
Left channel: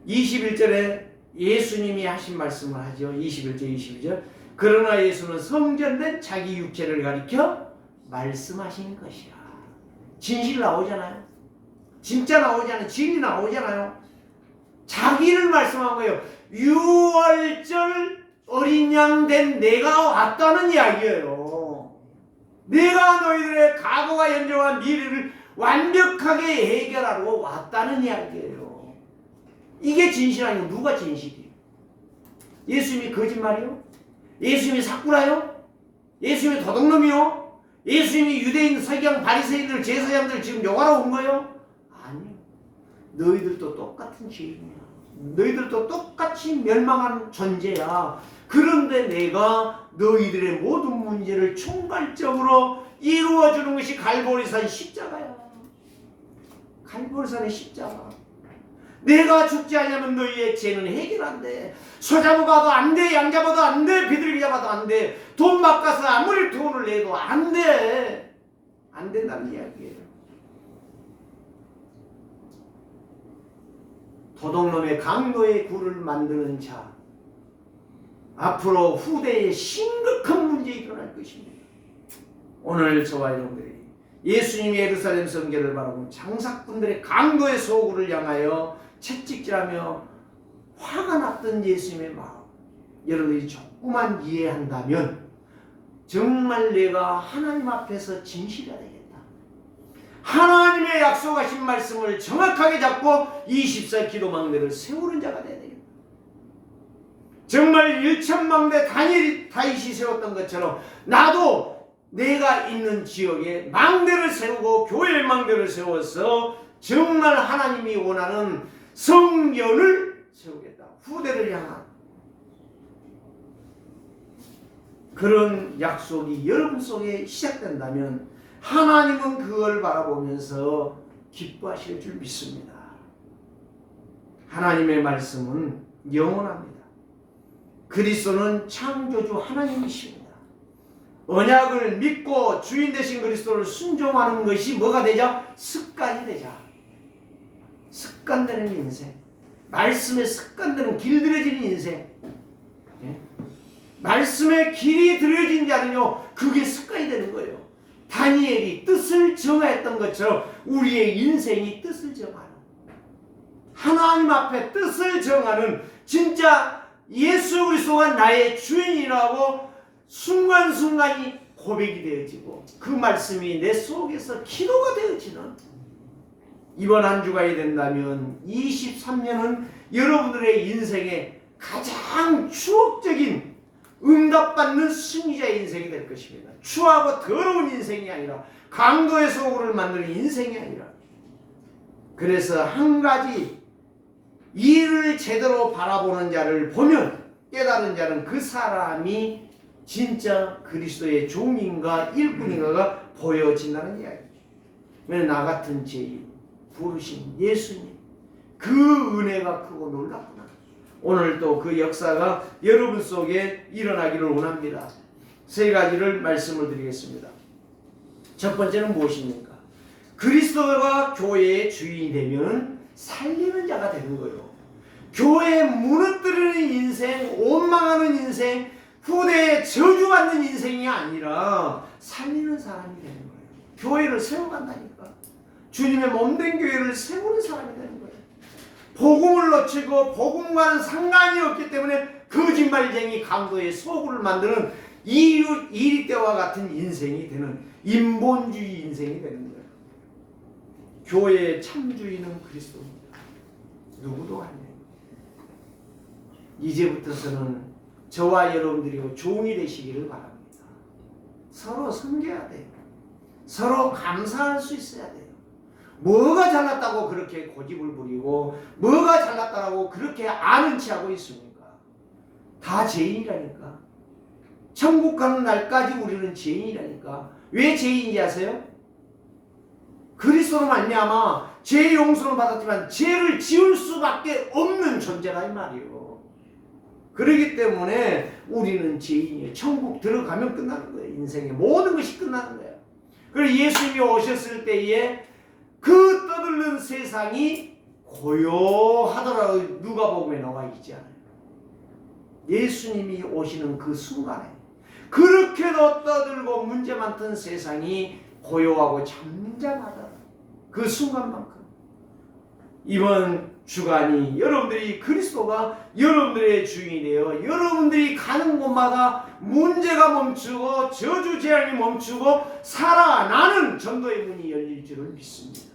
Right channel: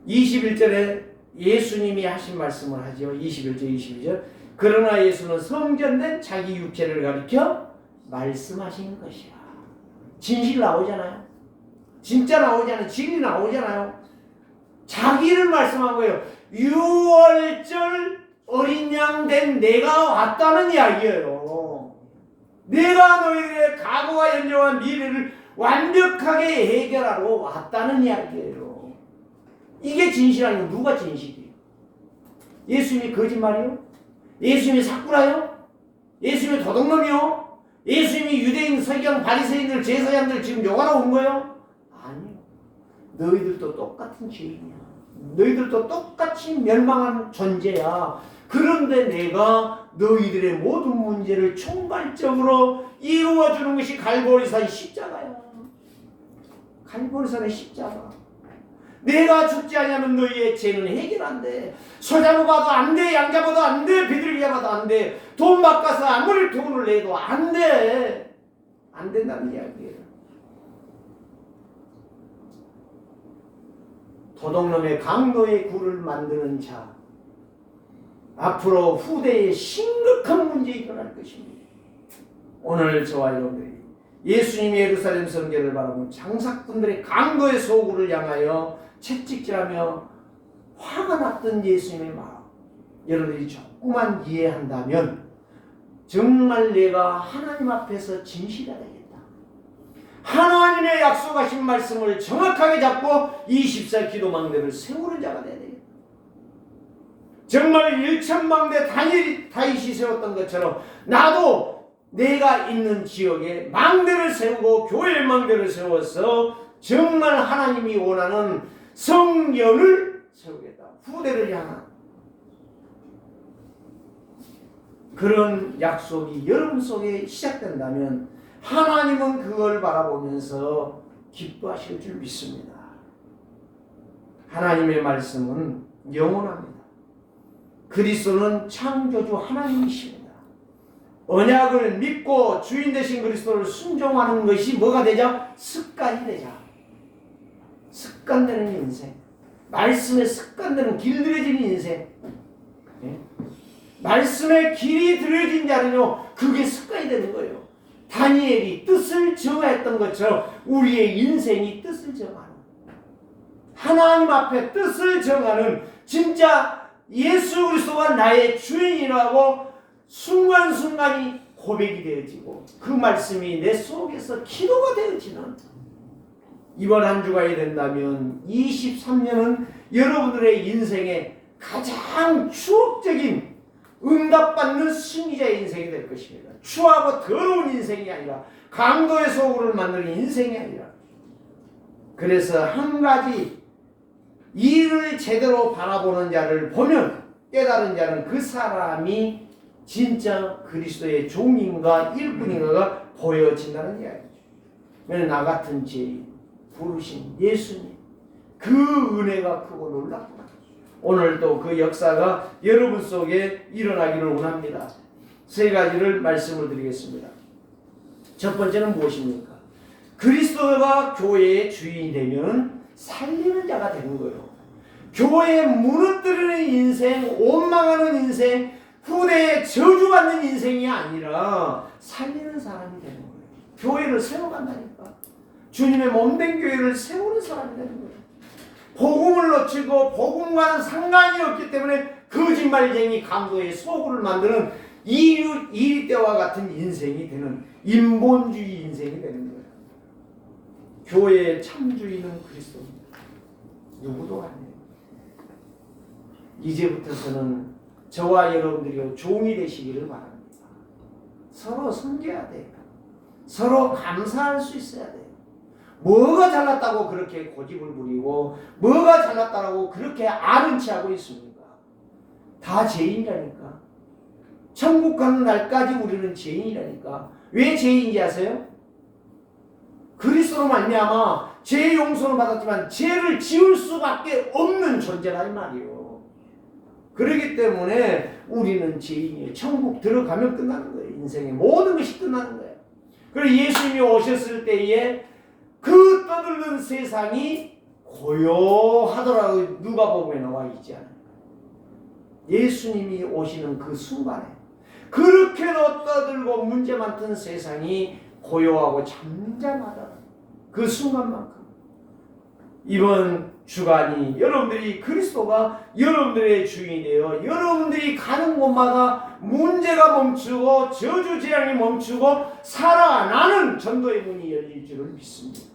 (21절에) 예수님이 하신 말씀을 하죠. 21절 22절. 그러나 예수는 성전된 자기 육체를 가리켜 말씀하신 것이라. 진실 나오잖아요. 진짜 나오잖아요. 진리 나오잖아요. 자기를 말씀하고요. 6월절 어린 양 된 내가 왔다는 이야기예요. 내가 너희들의 과거와 현재와 미래를 완벽하게 해결하러 왔다는 이야기예요. 이게 진실아니고 누가 진실이에요? 예수님이 거짓말이요? 예수님이 사꾸라요? 예수님이 도둑놈이요? 예수님이 유대인, 서기관, 바리새인들, 제사장들 지금 욕하러 온 거예요? 아니요. 너희들도 똑같은 죄인이야. 너희들도 똑같이 멸망한 존재야. 그런데 내가 너희들의 모든 문제를 총괄적으로 이루어주는 것이 갈보리산 십자가야. 갈보리산의 십자가. 내가 죽지 않으면 너희의 죄는 해결 안 돼. 소 잡아도 안 돼. 양 잡아도 안 돼. 비둘기 잡아도 안 돼. 돈 바꿔서 아무리 돈을 내도 안 돼. 안 된다는 이야기예요. 도둑놈의 강도의 굴을 만드는 자. 앞으로 후대에 심각한 문제가 일어날 것입니다. 오늘 저와 여러분들이 예수님이 예루살렘 성결을 바라보는 장사꾼들의 강도의 소굴을 향하여 채찍질하며 화가 났던 예수님의 마음, 여러분들이 조금만 이해한다면 정말 내가 하나님 앞에서 진실해야 되겠다. 하나님의 약속하신 말씀을 정확하게 잡고 24 기도망대를 세우는 자가 되어야 되겠다. 정말 1천망대 다윗이 세웠던 것처럼 나도 내가 있는 지역에 망대를 세우고 교회 망대를 세워서 정말 하나님이 원하는 성전을 세우겠다. 후대를 향한 그런 약속이 여러분 속에 시작된다면 하나님은 그걸 바라보면서 기뻐하실 줄 믿습니다. 하나님의 말씀은 영원합니다. 그리스도는 창조주 하나님이십니다. 언약을 믿고 주인 되신 그리스도를 순종하는 것이 뭐가 되자? 습관이 되자. 습관되는 인생. 말씀에 습관되는 길들여지는 인생. 예? 말씀에 길이 들여진 자는요, 그게 습관이 되는 거예요. 다니엘이 뜻을 정했던 것처럼 우리의 인생이 뜻을 정하는, 하나님 앞에 뜻을 정하는 진짜 예수 그리스도가 나의 주인이라고 순간순간이 고백이 되어지고 그 말씀이 내 속에서 기도가 되어지는 이번 한 주가 된다면 23년은 여러분들의 인생의 가장 추억적인 응답받는 승리자의 인생이 될 것입니다. 추하고 더러운 인생이 아니라 강도의 소굴을 만드는 인생이 아니라, 그래서 한 가지 이를 제대로 바라보는 자를 보면 깨달은 자는 그 사람이 진짜 그리스도의 종인가 일꾼인가가 보여진다는 이야기죠. 왜냐하면 나 같은 죄인 부르신 예수님, 그 은혜가 크고 놀랍구나. 오늘 또 그 역사가 여러분 속에 일어나기를 원합니다. 세 가지를 말씀을 드리겠습니다. 첫 번째는 무엇입니까? 그리스도가 교회의 주인이 되면 살리는 자가 되는 거예요. 교회에 무너뜨리는 인생, 원망하는 인생, 후대에 저주받는 인생이 아니라 살리는 사람이 되는 거예요. 교회를 세워간다니까. 주님의 몸된 교회를 세우는 사람이 되는 거예요. 복음을 놓치고 복음과는 상관이 없기 때문에 거짓말쟁이 강도의 소굴을 만드는 이리 때와 같은 인생이 되는 인본주의 인생이 되는 거예요. 교회의 참주인은 그리스도입니다. 누구도 아니에요. 이제부터서는 저와 여러분들이 종이 되시기를 바랍니다. 서로 섬겨야 돼요. 서로 감사할 수 있어야 돼요. 뭐가 잘났다고 그렇게 고집을 부리고 뭐가 잘났다고 그렇게 아는 체하고 있습니까? 다 죄인이라니까. 천국 가는 날까지 우리는 죄인이라니까. 왜 죄인인지 아세요? 그리스도로 말미암아 죄 용서를 받았지만 죄를 지을 수밖에 없는 존재라 이 말이에요. 그렇기 때문에 우리는 죄인이에요. 천국 들어가면 끝나는 거예요. 인생의 모든 것이 끝나는 거예요. 그리고 예수님이 오셨을 때에 그 떠들는 세상이 고요하더라고 누가복음에 나와 있지 않아요. 예수님이 오시는 그 순간에 그렇게도 떠들고 문제 많던 세상이 고요하고 잠잠하다. 그 순간만큼 이번 주간이 여러분들이 그리스도가 여러분들의 주인이 되어 여러분들이 가는 곳마다 문제가 멈추고 저주 재앙이 멈추고 살아나는 전도의 문이 열릴 줄을 믿습니다.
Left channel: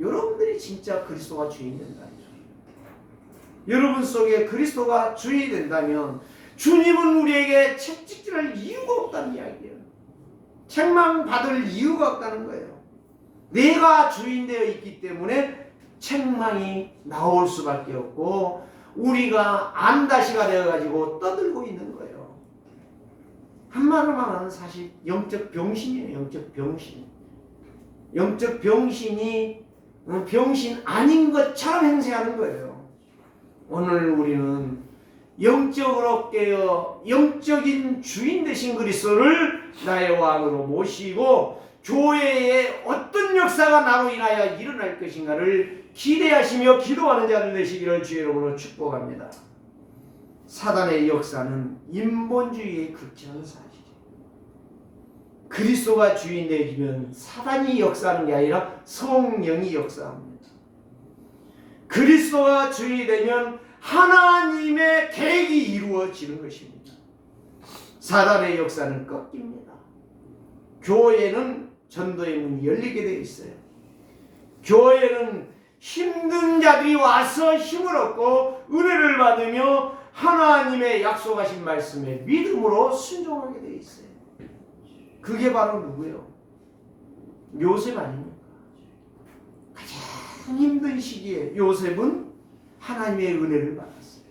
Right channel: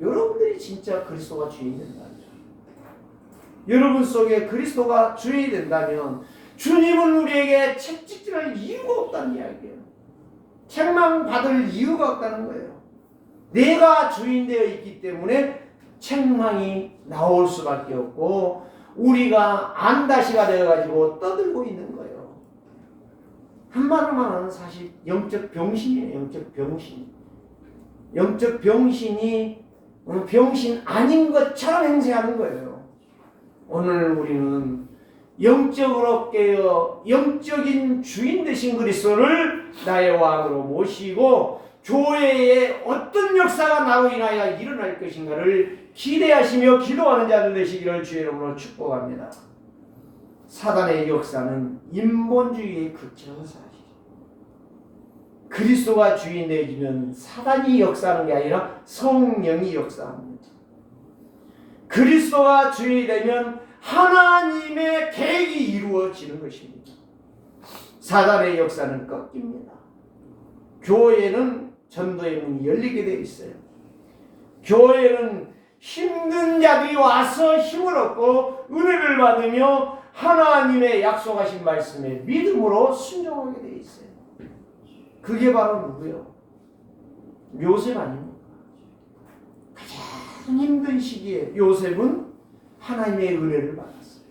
여러분들이 진짜 그리스도가 주인이 된다면, 여러분 속에 그리스도가 주인이 된다면 주님은 우리에게 책찍질할 이유가 없다는 이야기예요. 책망받을 이유가 없다는 거예요. 내가 주인 되어 있기 때문에 책망이 나올 수밖에 없고 우리가 안다시가 되어가지고 떠들고 있는 거예요. 한마디로만 하면 사실 영적 병신이에요. 영적 병신. 영적 병신이 병신 아닌 것처럼 행세하는 거예요. 오늘 우리는 영적으로 깨어 영적인 주인 되신 그리스도를 나의 왕으로 모시고 교회에 어떤 역사가 나로 인하여 일어날 것인가를 기대하시며 기도하는 자들 되시기를 주의 이름으로 축복합니다. 사단의 역사는 인본주의의 극치는 사실이에요. 그리스도가 주인 되어지면 사단이 역사하는 게 아니라 성령이 역사합니다. 그리스도가 주인이 되면 하나님의 계획이 이루어지는 것입니다. 사단의 역사는 꺾입니다. 교회는 전도의 문이 열리게 되어 있어요. 교회는 힘든 자들이 와서 힘을 얻고 은혜를 받으며 하나님의 약속하신 말씀에 믿음으로 순종하게 되어 있어요. 그게 바로 누구예요? 요셉 아닙니까? 가장 힘든 시기에 요셉은 하나님의 은혜를 받았어요.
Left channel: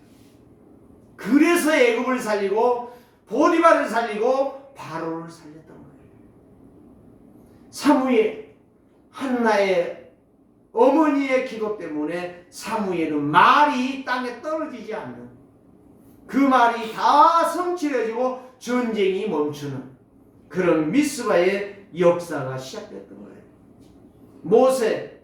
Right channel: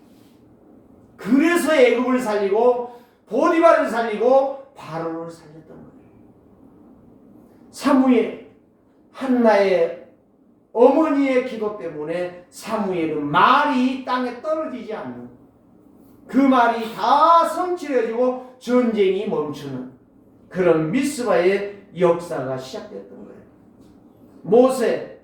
그래서 애굽을 살리고 보디발을 살리고 바로를 살렸던 거예요. 사무엘, 한나의 어머니의 기도 때문에 사무엘은 말이 땅에 떨어지지 않는, 그 말이 다 성취해지고 전쟁이 멈추는 그런 미스바의 역사가 시작됐던 거예요. 모세,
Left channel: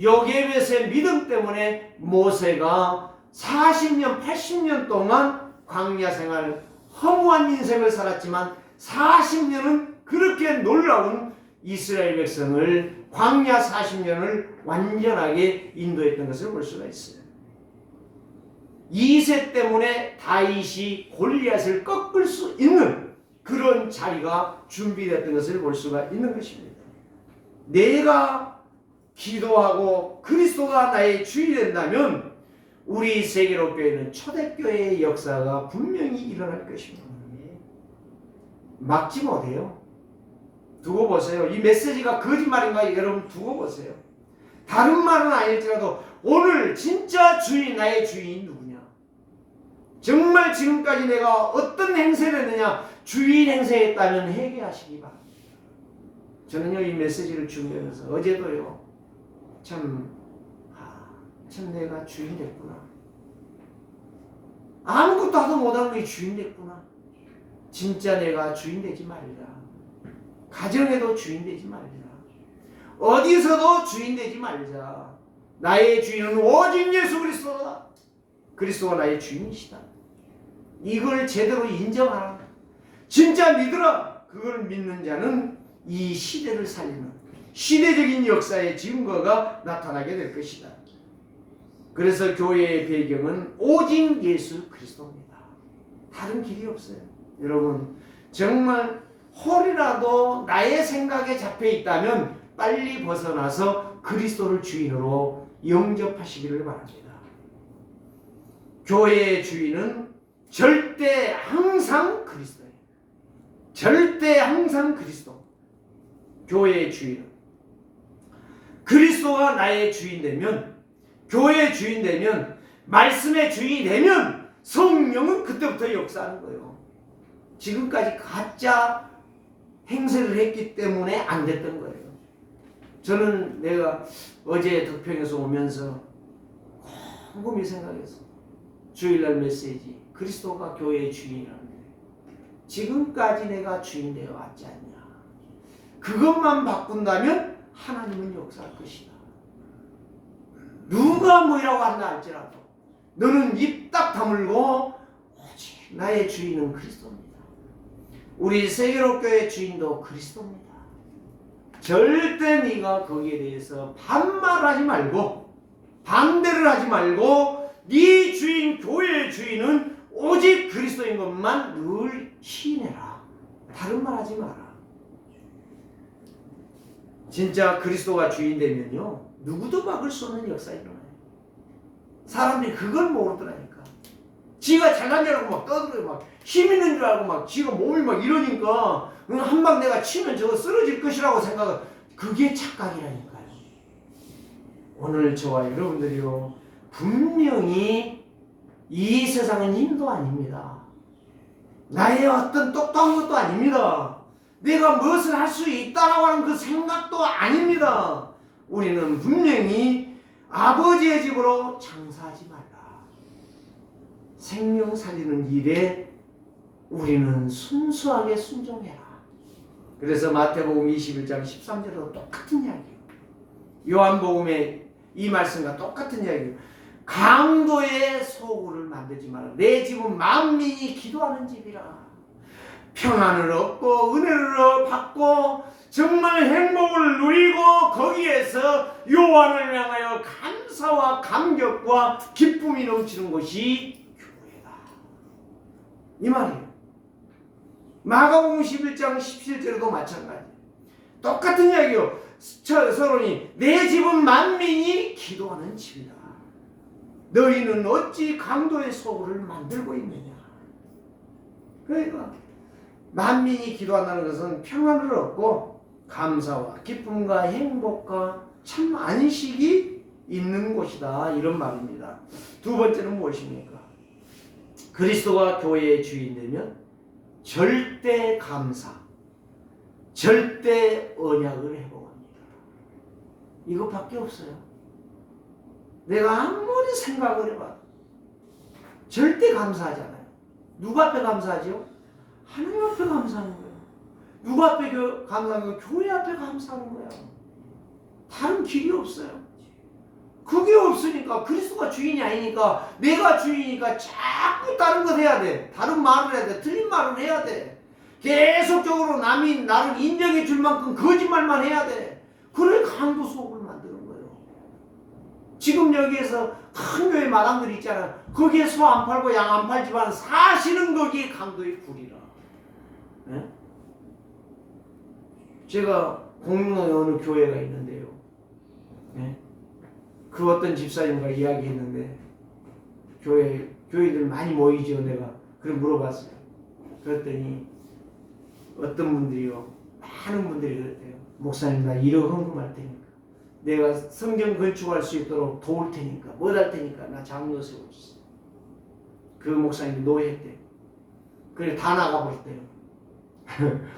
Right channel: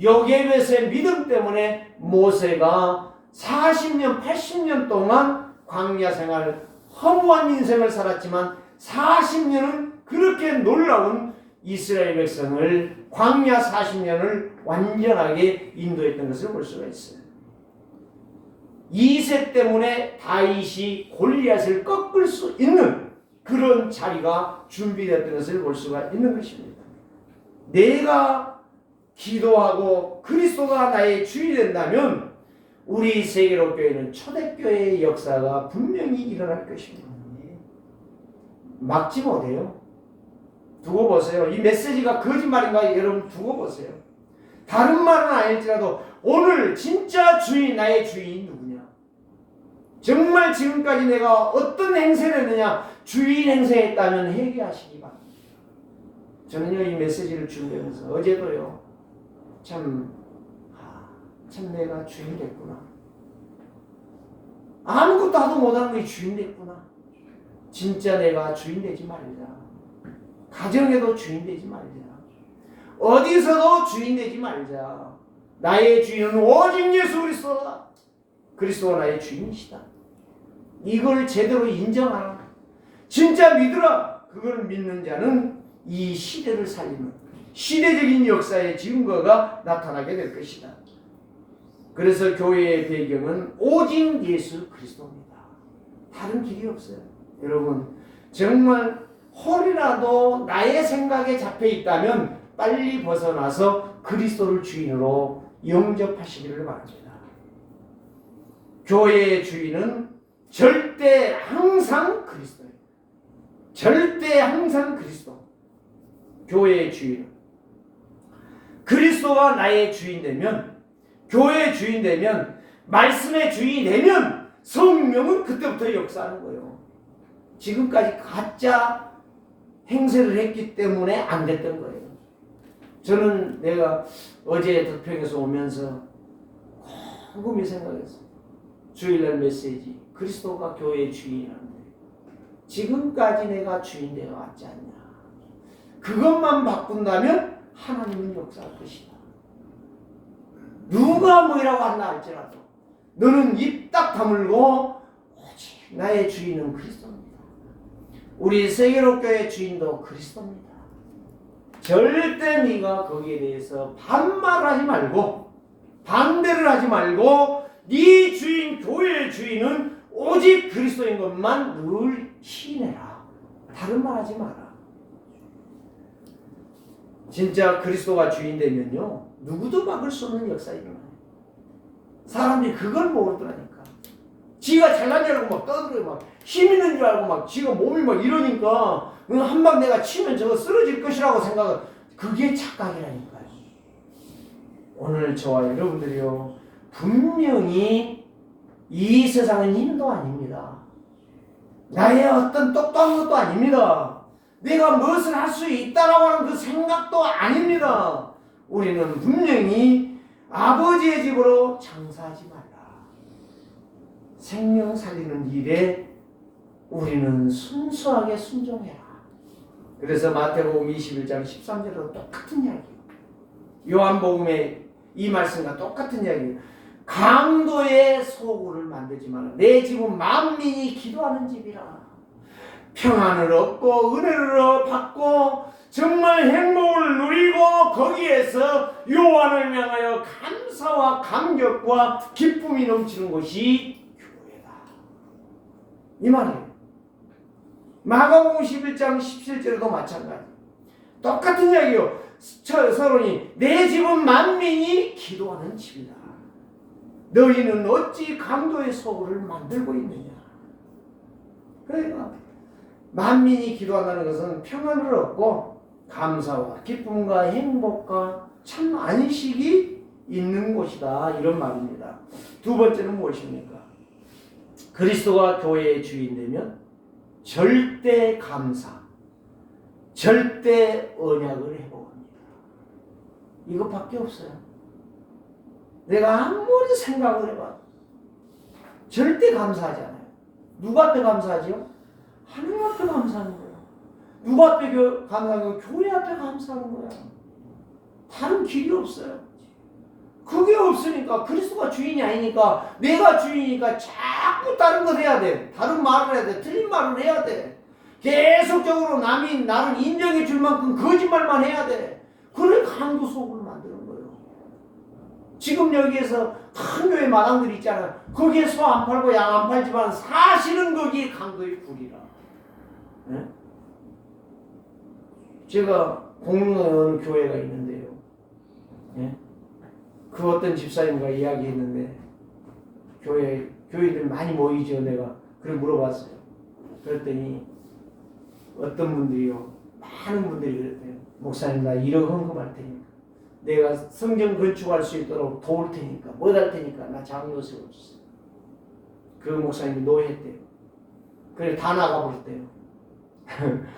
요게벳의 믿음 때문에 모세가 40년, 80년 동안 광야 생활, 허무한 인생을 살았지만 40년은 그렇게 놀라운 이스라엘 백성을 광야 40년을 완전하게 인도했던 것을 볼 수가 있어요. 이새 때문에 다윗이 골리앗을 꺾을 수 있는 그런 자리가 준비되었던 것을 볼 수가 있는 것입니다. 내가 기도하고 그리스도가 나의 주인이 된다면 우리 세계로교회는 초대교회의 역사가 분명히 일어날 것입니다. 막지 못해요. 두고 보세요. 이 메시지가 거짓말인가 여러분 두고 보세요. 다른 말은 아닐지라도 오늘 진짜 주인, 나의 주인 누구냐? 정말 지금까지 내가 어떤 행세를 했느냐? 주인 행세했다면 회개하시기 바랍니다. 저는요 이 메시지를 준비하면서 어제도요 참 내가 주인 됐구나. 아무것도 하도 못하는 게 주인 됐구나. 진짜 내가 주인 되지 말자. 가정에도 주인 되지 말자. 어디서도 주인 되지 말자. 나의 주인은 오직 예수 그리스도다. 그리스도가 나의 주인이시다. 이걸 제대로 인정하라. 진짜 믿으라. 그걸 믿는 자는 이 시대를 살리는 시대적인 역사의 증거가 나타나게 될 것이다. 그래서 교회의 배경은 오직 예수 그리스도입니다. 다른 길이 없어요. 여러분 정말 홀이라도 나의 생각에 잡혀 있다면 빨리 벗어나서 그리스도를 주인으로 영접하시기를 바랍니다. 교회의 주인은 절대 항상 그리스도예요. 절대 항상 그리스도. 교회의 주인은 그리스도가 나의 주인 되면, 교회의 주인 되면, 말씀의 주인이 되면 성령은 그때부터 역사하는 거예요. 지금까지 가짜 행세를 했기 때문에 안 됐던 거예요. 저는 내가 어제 덕평에서 오면서 곰곰이 생각했어. 주일날 메시지 그리스도가 교회의 주인이라는데 지금까지 내가 주인 되어 왔지 않냐. 그것만 바꾼다면 하나님은 역사할 것이다. 누가 뭐라고 한다 할지라도 너는 입 딱 다물고 오직 나의 주인은 그리스도입니다. 우리 세계로교회 주인도 그리스도입니다. 절대 네가 거기에 대해서 반말하지 말고 반대를 하지 말고 네 주인, 교회의 주인은 오직 그리스도인 것만 늘 시인해라. 다른 말 하지 마라. 진짜 그리스도가 주인 되면요 누구도 막을 수 없는 역사 일어나요. 사람들이 그걸 모르더라니까. 지가 잘난 줄 알고 막 떠들어요. 막 힘 있는 줄 알고 막 지가 몸이 막 이러니까 한 방 내가 치면 저거 쓰러질 것이라고 생각을. 그게 착각이라니까요. 오늘 저와 여러분들이요 분명히 이 세상은 힘도 아닙니다. 나의 어떤 똑똑함도 아닙니다. 내가 무엇을 할 수 있다라고 하는 그 생각도 아닙니다. 우리는 분명히 아버지의 집으로 장사하지 말라. 생명 살리는 일에 우리는 순수하게 순종해라. 그래서 마태복음 21장 13절도 똑같은 이야기예요. 요한복음의 이 말씀과 똑같은 이야기예요. 강도의 소굴을 만들지 마라. 내 집은 만민이 기도하는 집이라. 평안을 얻고 은혜를 받고 정말 행복을 누리고 거기에서 요한을 향하여 감사와 감격과 기쁨이 넘치는 것이 교회다. 이 말이에요. 마가복음 11장 17절에도 마찬가지. 똑같은 이야기요. 서론이 내 집은 만민이 기도하는 집이다. 너희는 어찌 강도의 소굴을 만들고 있느냐. 그러니까 만민이 기도한다는 것은 평안을 얻고 감사와 기쁨과 행복과 참 안식이 있는 곳이다. 이런 말입니다. 두 번째는 무엇입니까? 그리스도가 교회의 주인 되면 절대 감사, 절대 언약을 회복합니다. 이것밖에 없어요. 내가 아무리 생각을 해봐 절대 감사하잖아요. 누구 앞에 감사하죠? 하나님 앞에 감사하는 거예요. 누구 앞에 감사하는 거예요? 교회 앞에 감사하는 거예요. 다른 길이 없어요. 그게 없으니까 그리스도가 주인이 아니니까 내가 주인이니까 자꾸 다른 것 해야 돼. 다른 말을 해야 돼. 틀린 말을 해야 돼. 계속적으로 남이 나를 인정해 줄 만큼 거짓말만 해야 돼. 그래 강도 속을 만드는 거예요. 지금 여기에서 큰 교회 마당들 있잖아. 거기에 소 안 팔고 양 안 팔지만 사실은 거기에 강도의 굴이라. 네? 제가 공릉동에 어느 교회가 있는데요. 네? 그 어떤 집사님과 이야기했는데 교회들 많이 모이죠. 내가 그래 물어봤어요. 그랬더니 어떤 분들이요 많은 분들이 그랬대요. 목사님 나 1억 헌금할 테니까 내가 성경 건축할 수 있도록 도울 테니까 뭐 할 테니까 나 장로 세워주세요. 그 목사님이 노예했대요. 그래 다 나가버렸대요.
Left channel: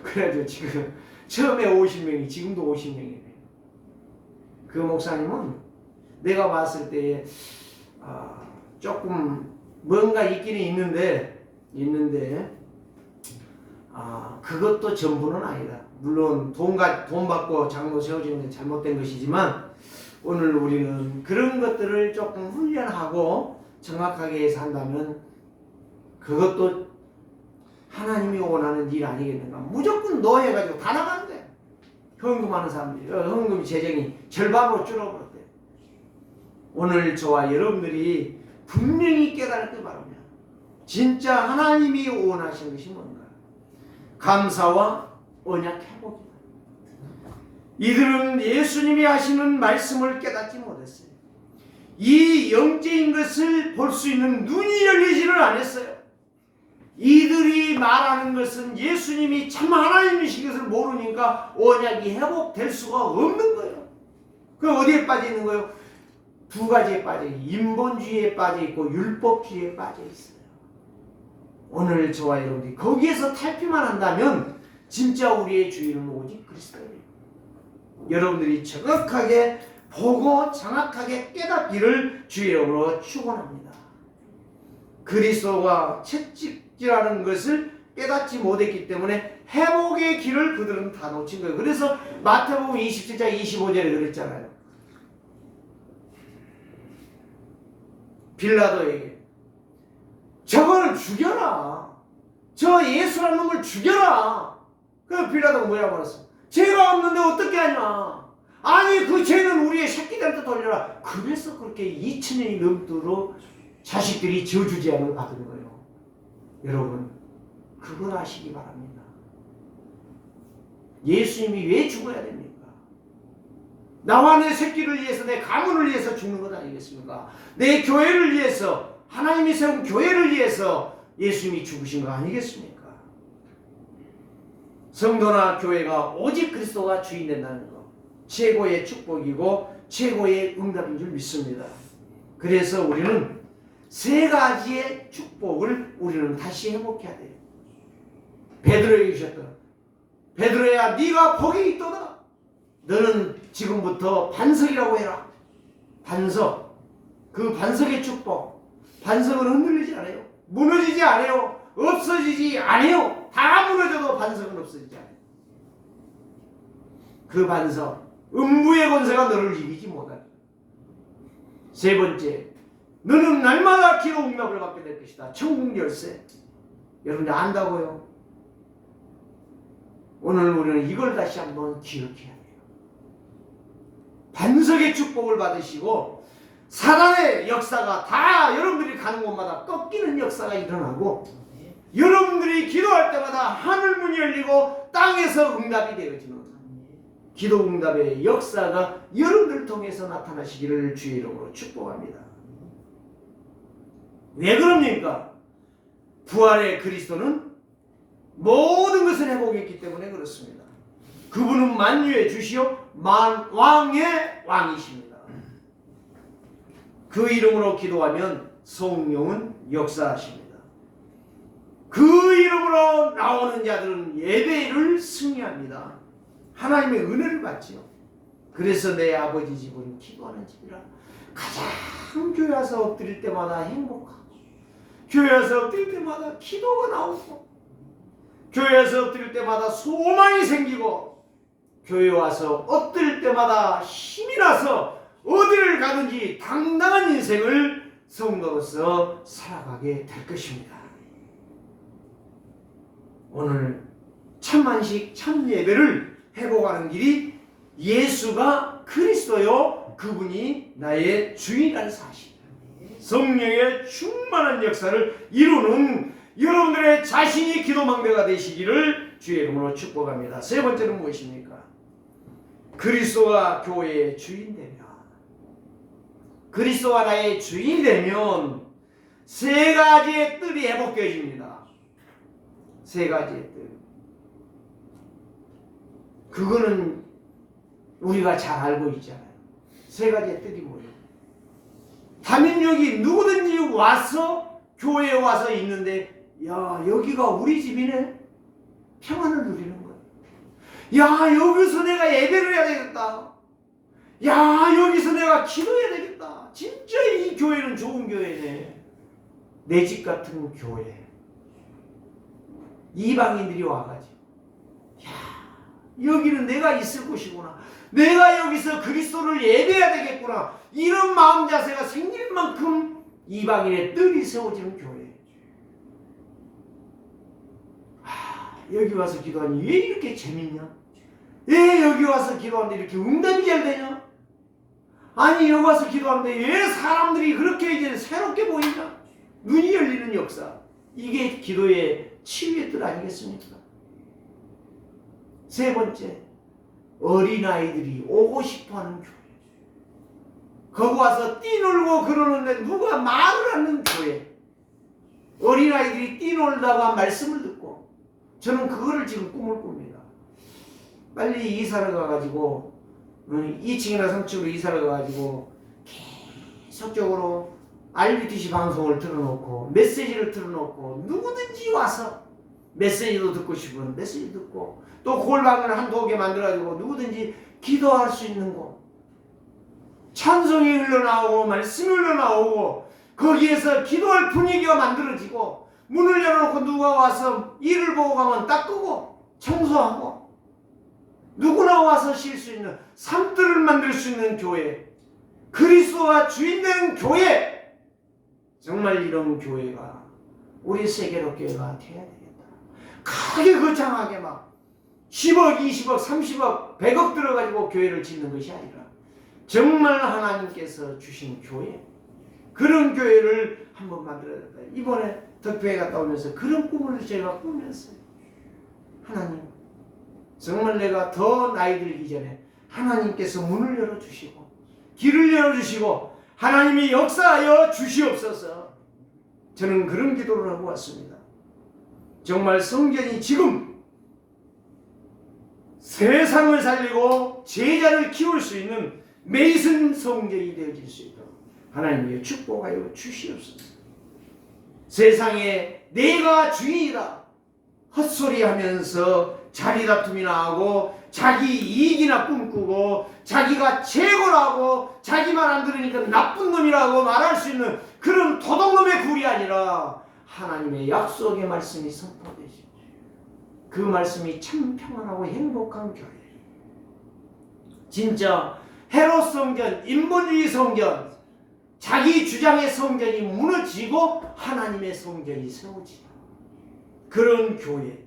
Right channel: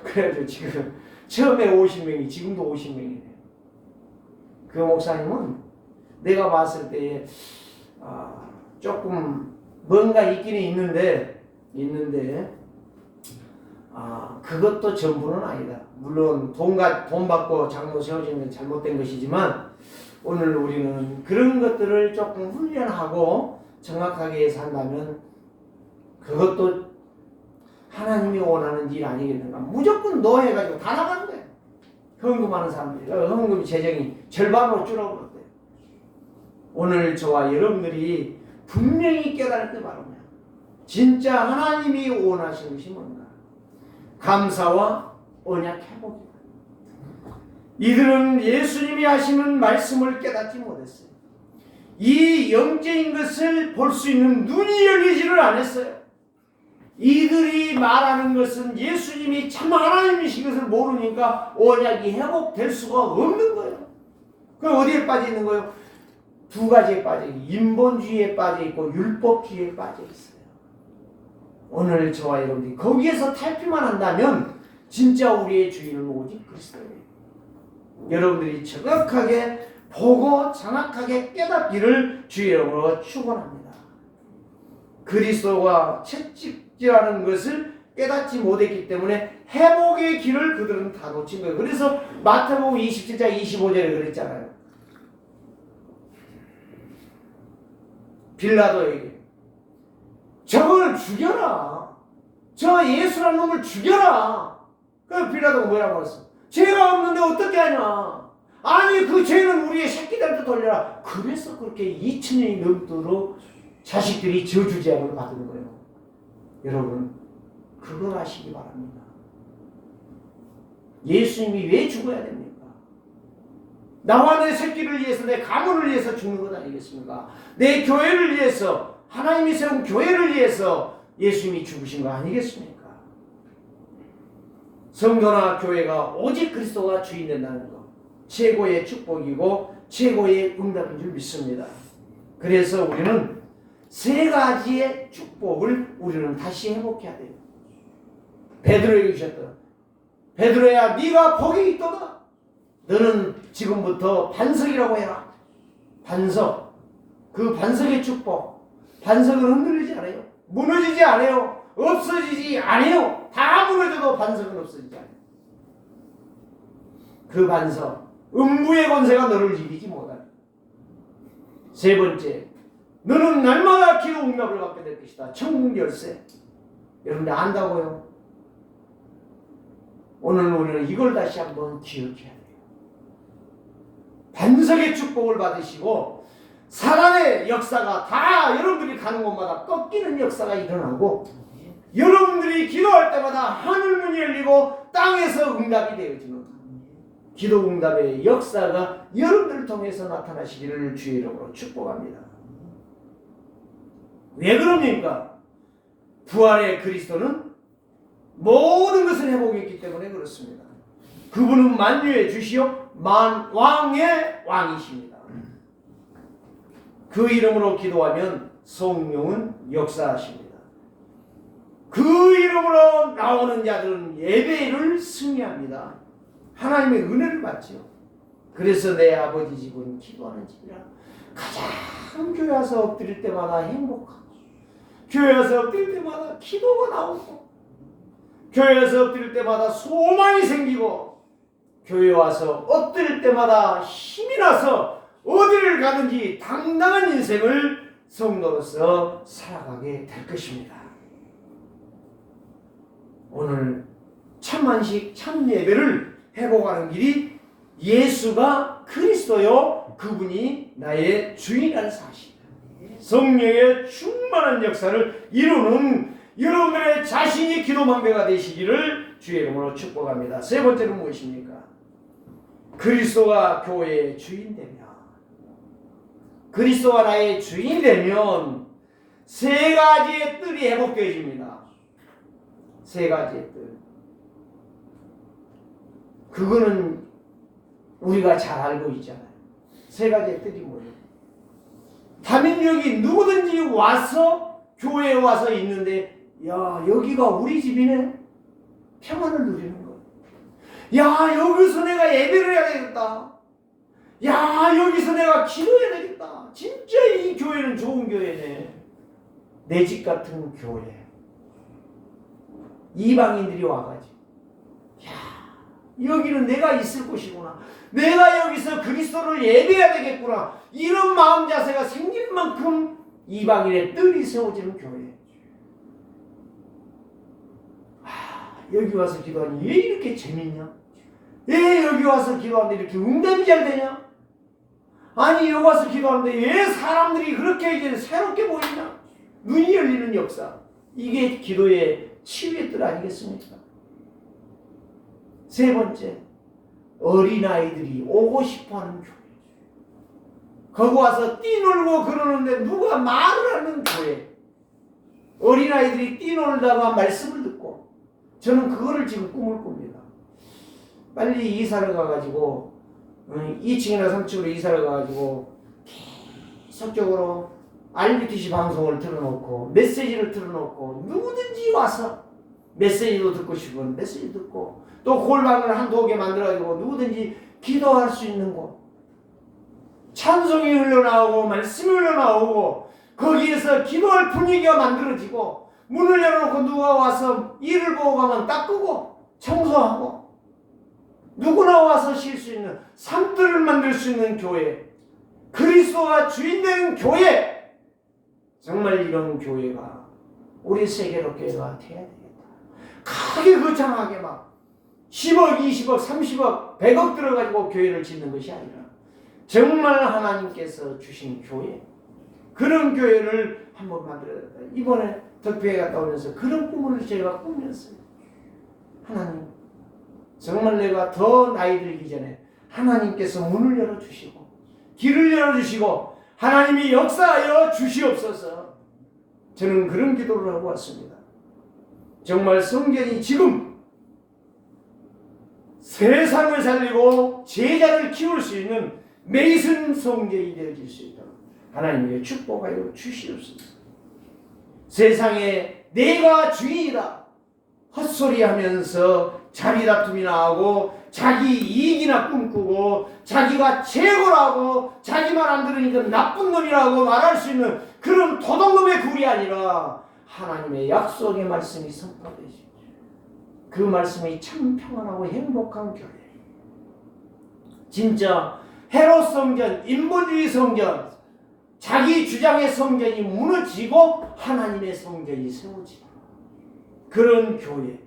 그래가지고 지금 처음에 50명이 지금도 50명이래요. 그 목사님은 내가 봤을 때 조금 뭔가 있기는 있는데 그것도 전부는 아니다. 물론 돈 받고 장로 세워지는 건 잘못된 것이지만 오늘 우리는 그런 것들을 조금 훈련하고 정확하게 산다면 그것도 하나님이 원하는 일 아니겠는가. 무조건 너 해가지고 다 나가는 거야. 헌금하는 사람들이 헌금 재정이 절반으로 줄어버렸대요. 오늘 저와 여러분들이 분명히 깨달을 바랍니다. 진짜 하나님이 원하시는 것이 뭔가? 감사와 언약 회복이다. 이들은 예수님이 하시는 말씀을 깨닫지 못했어요. 이 영적인 것을 볼 수 있는 눈이 열리지를 않았어요. 이들이 말하는 것은 예수님이 참 하나님이신 것을 모르니까 언약이 회복될 수가 없는 거예요. 그럼 어디에 빠져 있는 거예요? 두 가지에 빠져 있어요. 인본주의에 빠져 있고 율법주의에 빠져 있어요. 오늘 저와 여러분들이 거기에서 탈피만 한다면 진짜 우리의 주인은 오직 그리스도예요. 여러분들이 정확하게 보고 정확하게 깨닫기를 주의 이름으로 축원합니다. 그리스도가 채찍질하는 것을 깨닫지 못했기 때문에 회복의 길을 그들은 다 놓친 거예요. 그래서 마태복음 27장 25절에 그랬잖아요. 빌라도에게 저거를 죽여라. 저 예수라는 놈을 죽여라. 그래서 빌라도가 뭐라고 그랬어? 죄가 없는데 어떻게 하냐. 아니 그 죄는 우리의 새끼들한테 돌려라. 그래서 그렇게 2000년이 넘도록 자식들이 저주제함을 받은 거예요. 여러분 그걸 아시기 바랍니다. 예수님이 왜 죽어야 됩니까? 나와 내 새끼를 위해서, 내 가문을 위해서 죽는 것 아니겠습니까? 내 교회를 위해서, 하나님이 세운 교회를 위해서 예수님이 죽으신 거 아니겠습니까? 성도나 교회가 오직 그리스도가 주인 된다는 것, 최고의 축복이고 최고의 응답인 줄 믿습니다. 그래서 우리는 세 가지의 축복을 우리는 다시 회복해야 돼요. 베드로에게 주셨던, 베드로야 네가 복이 있도다. 너는 지금부터 반석이라고 해라. 반석, 그 반석의 축복. 반석은 흔들리지 않아요. 무너지지 않아요. 없어지지 않아요. 다 무너져도 반석은 없어지지 않아요. 그 반석, 음부의 권세가 너를 이기지 못한다. 세 번째, 너는 날마다 기도 응답을 받게 될 것이다. 천국 열쇠. 여러분들 안다고요? 오늘 우리는 이걸 다시 한번 기억해야 돼요. 반석의 축복을 받으시고 사랑의 역사가 다 여러분들이 가는 곳마다 꺾이는 역사가 일어나고 여러분들이 기도할 때마다 하늘문이 열리고 땅에서 응답이 되어지는 기도 응답의 역사가 여러분들을 통해서 나타나시기를 주의 이름으로 축복합니다. 왜 그럽니까? 부활의 그리스도는 모든 것을 회복했기 때문에 그렇습니다. 그분은 만유의 주시요 만왕의 왕이십니다. 그 이름으로 기도하면 성령은 역사하십니다. 그 이름으로 나오는 자들은 예배를 승리합니다. 하나님의 은혜를 받죠. 그래서 내 아버지 집은 기도하는 집이라. 가장 교회 와서 엎드릴 때마다 행복하고, 교회 와서 엎드릴 때마다 기도가 나오고, 교회 와서 엎드릴 때마다 소망이 생기고, 교회 와서 엎드릴 때마다 힘이 나서 어디를 가든지 당당한 인생을 성도로서 살아가게 될 것입니다. 오늘 참만식 참예배를 회복하는 길이 예수가 그리스도요 그분이 나의 주인이라는 사실, 성령의 충만한 역사를 이루는 여러분들의 자신이 기도망대가 되시기를 주의 이름으로 축복합니다. 세 번째는 무엇입니까? 그리스도가 교회의 주인 되면, 그리스도가 나의 주인이 되면 세 가지의 뜰이 회복되어집니다. 세 가지의 뜰. 그거는 우리가 잘 알고 있잖아요. 세 가지의 뜰이 뭐예요? 다민족이 누구든지 와서 교회에 와서 있는데, 야 여기가 우리 집이네. 평안을 누리는 거예요. 야 여기서 내가 예배를 해야 되겠다. 야 여기서 내가 기도해야 되겠다. 진짜 이 교회는 좋은 교회네. 내 집 같은 교회. 이방인들이 와가지고, 야 여기는 내가 있을 곳이구나. 내가 여기서 그리스도를 예배해야 되겠구나. 이런 마음 자세가 생길 만큼 이방인의 뜰이 세워지는 교회. 여기 와서 기도하니 왜 이렇게 재밌냐? 왜 여기 와서 기도하는데 이렇게 응답이 잘 되냐? 아니 여기 와서 기도하는데 왜 사람들이 그렇게 이제 새롭게 보이냐? 눈이 열리는 역사. 이게 기도의 치유의 뜻 아니겠습니까? 세 번째, 어린아이들이 오고 싶어하는 교회. 거기 와서 뛰놀고 그러는데 누가 말을 하는 교회. 어린아이들이 뛰놀다가 말씀을 듣고, 저는 그거를 지금 꿈을 꿉니다. 빨리 이사를 가가지고 2층이나 3층으로 이사를 가가지고 계속적으로 RBTC 방송을 틀어놓고 메시지를 틀어놓고 누구든지 와서 메시지도 듣고 싶으면 메시지 듣고, 또 골방을 한두 개 만들어가지고 누구든지 기도할 수 있는 곳, 찬송이 흘러나오고 말씀이 흘러나오고 거기에서 기도할 분위기가 만들어지고, 문을 열어놓고 누가 와서 일을 보고 가면 닦고 청소하고 누구나 와서 쉴 수 있는 삶들을 만들 수 있는 교회, 그리스도가 주인 되는 교회. 정말 이런 교회가 우리 세계로 교회가 돼야 되겠다. 크게 거창하게 막 10억, 20억, 30억, 100억 들어가지고 교회를 짓는 것이 아니라 정말 하나님께서 주신 교회, 그런 교회를 한번 만들어야 된다. 이번에 덕배에 갔다 오면서 그런 꿈을 제가 꾸면서요. 하나님, 정말 내가 더 나이 들기 전에 하나님께서 문을 열어주시고 길을 열어주시고 하나님이 역사하여 주시옵소서. 저는 그런 기도를 하고 왔습니다. 정말 성전이 지금 세상을 살리고 제자를 키울 수 있는 메이슨 성전이 되어질 수 있도록 하나님의 축복하여 주시옵소서. 세상에 내가 주인이다 헛소리하면서 자기 다툼이나 하고 자기 이익이나 꿈꾸고 자기가 최고라고 자기만 안 들으니까 나쁜 놈이라고 말할 수 있는 그런 도둑놈의 굴이 아니라 하나님의 약속의 말씀이 선포되시죠. 그 말씀이 참 평안하고 행복한 교회. 진짜 헤롯 성전, 인본주의 성전, 자기 주장의 성전이 무너지고 하나님의 성전이 세워지는 그런 교회.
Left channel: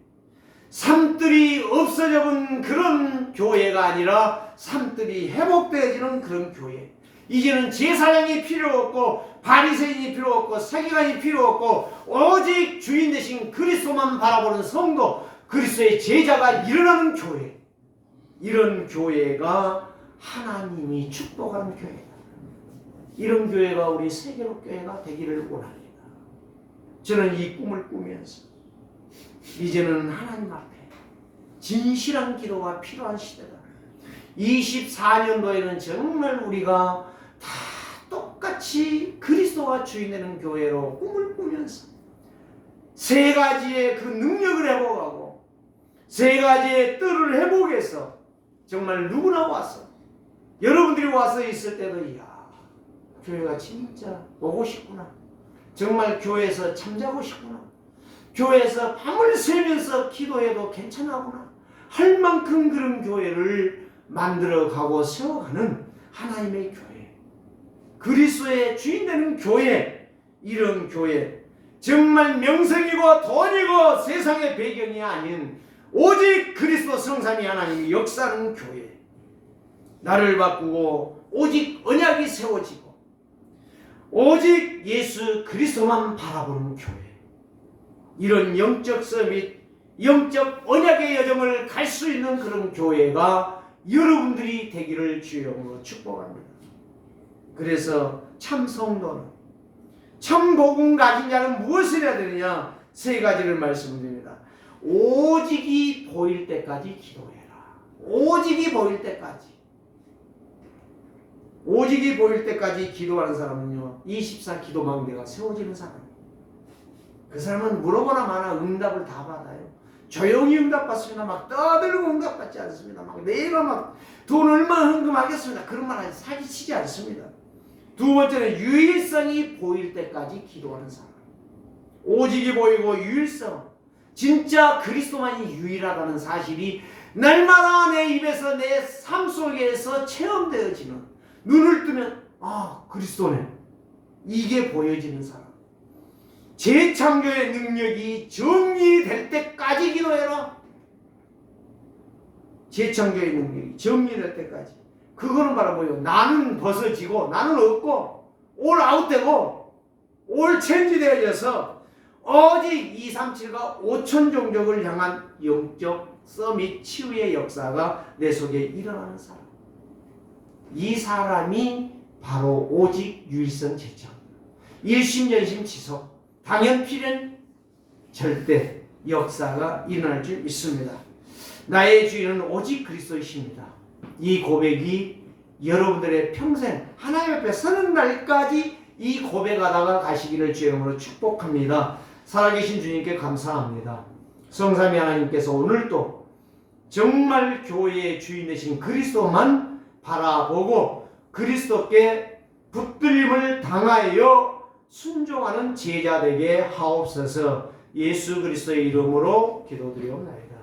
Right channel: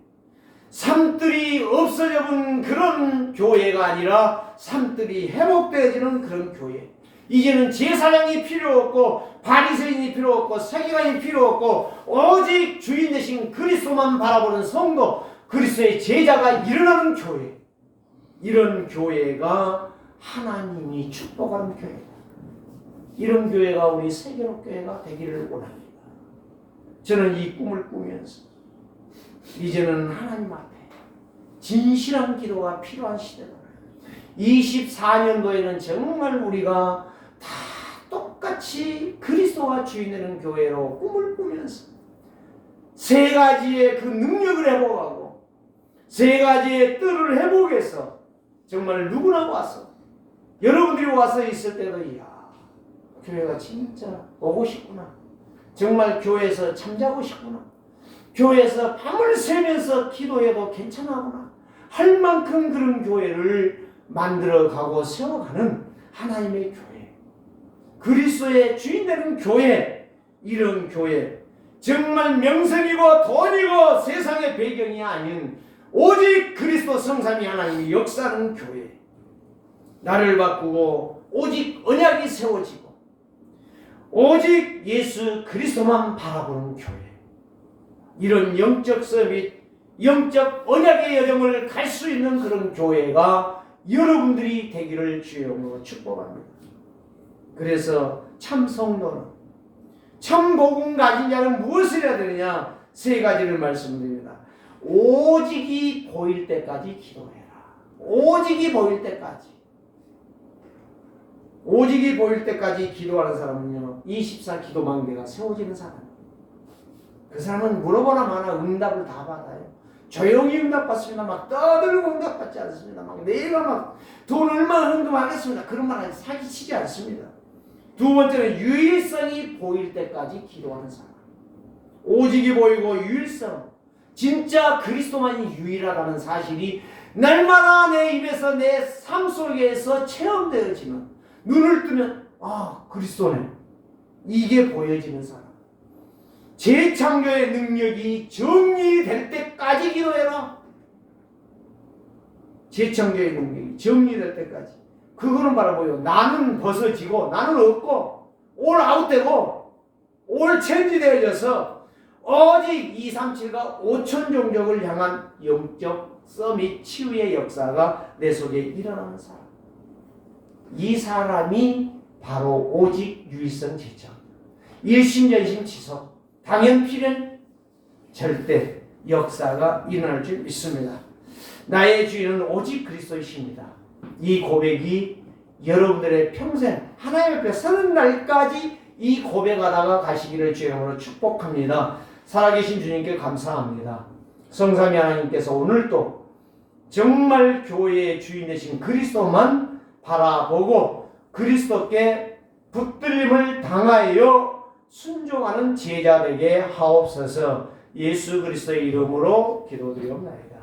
삶들이 없어져본 그런 교회가 아니라 삶들이 회복되어지는 그런 교회. 이제는 제사장이 필요 없고 바리새인이 필요 없고 서기관이 필요 없고 오직 주인 되신 그리스도만 바라보는 성도, 그리스도의 제자가 일어나는 교회. 이런 교회가 하나님이 축복하는 교회다. 이런 교회가 우리 세계로 교회가 되기를 원합니다. 저는 이 꿈을 꾸면서 이제는 하나님 앞에 진실한 기도가 필요한 시대다. 24년도에는 정말 우리가 다 똑같이 그리스도가 주인 되는 교회로 꿈을 꾸면서 세 가지의 그 능력을 회복하고 세 가지의 뜰을 회복해서 정말 누구나 와서, 여러분들이 와서 있을 때도 이야, 교회가 진짜 오고 싶구나, 정말 교회에서 잠자고 싶구나, 교회에서 밤을 새면서 기도해도 괜찮아구나 할 만큼 그런 교회를 만들어가고 세워가는 하나님의 교회, 그리스도의 주인 되는 교회. 이런 교회, 정말 명성이고 돈이고 세상의 배경이 아닌 오직 그리스도 성삼위 하나님이 역사하는 교회. 나를 바꾸고 오직 언약이 세워지고 오직 예수 그리스도만 바라보는 교회. 이런 영적 서밋, 영적 언약의 여정을 갈 수 있는 그런 교회가 여러분들이 되기를 주의 이름으로 축복합니다. 그래서 참 성도는, 참 복음 가진 자는 무엇을 해야 되느냐? 세 가지를 말씀드립니다. 오직이 보일 때까지 기도해라. 오직이 보일 때까지. 오직이 보일 때까지 기도하는 사람은요, 24 기도망대가 세워지는 사람이에요. 그 사람은 물어보나 마나 응답을 다 받아요. 조용히 응답받습니다. 막 떠들고 응답받지 않습니다. 막 내가 막 돈 얼마 헌금하겠습니다. 그런 말 사기치지 않습니다. 두 번째는 유일성이 보일 때까지 기도하는 사람. 오직이 보이고 유일성, 진짜 그리스도만이 유일하다는 사실이 날마다 내 입에서 내 삶 속에서 체험되어지는, 눈을 뜨면 아, 그리스도네, 이게 보여지는 사람. 재창조의 능력이 정리될 때까지 기도해라. 재창조의 능력이 정리될 때까지. 그거는 바로 뭐예요? 나는 벗어지고 나는 없고 올 아웃되고 올 체인지되어져서 오직 237과 5천 종족을 향한 영적 서밋 치유의 역사가 내 속에 일어나는 사람. 이 사람이 바로 오직 유일성 제자. 일심전심 지속. 당연 필연 절대 역사가 일어날 줄 믿습니다. 나의 주인은 오직 그리스도이십니다. 이 고백이 여러분들의 평생 하나님 앞에 서는 날까지 이 고백하다가 가시기를 주의 이름으로 축복합니다. 살아계신 주님께 감사합니다. 성삼위 하나님께서 오늘도 정말 교회의 주인 되신 그리스도만 바라보고 그리스도께 붙들림을 당하여 순종하는 제자 되게 하옵소서. 예수 그리스도의 이름으로 기도드리옵나이다.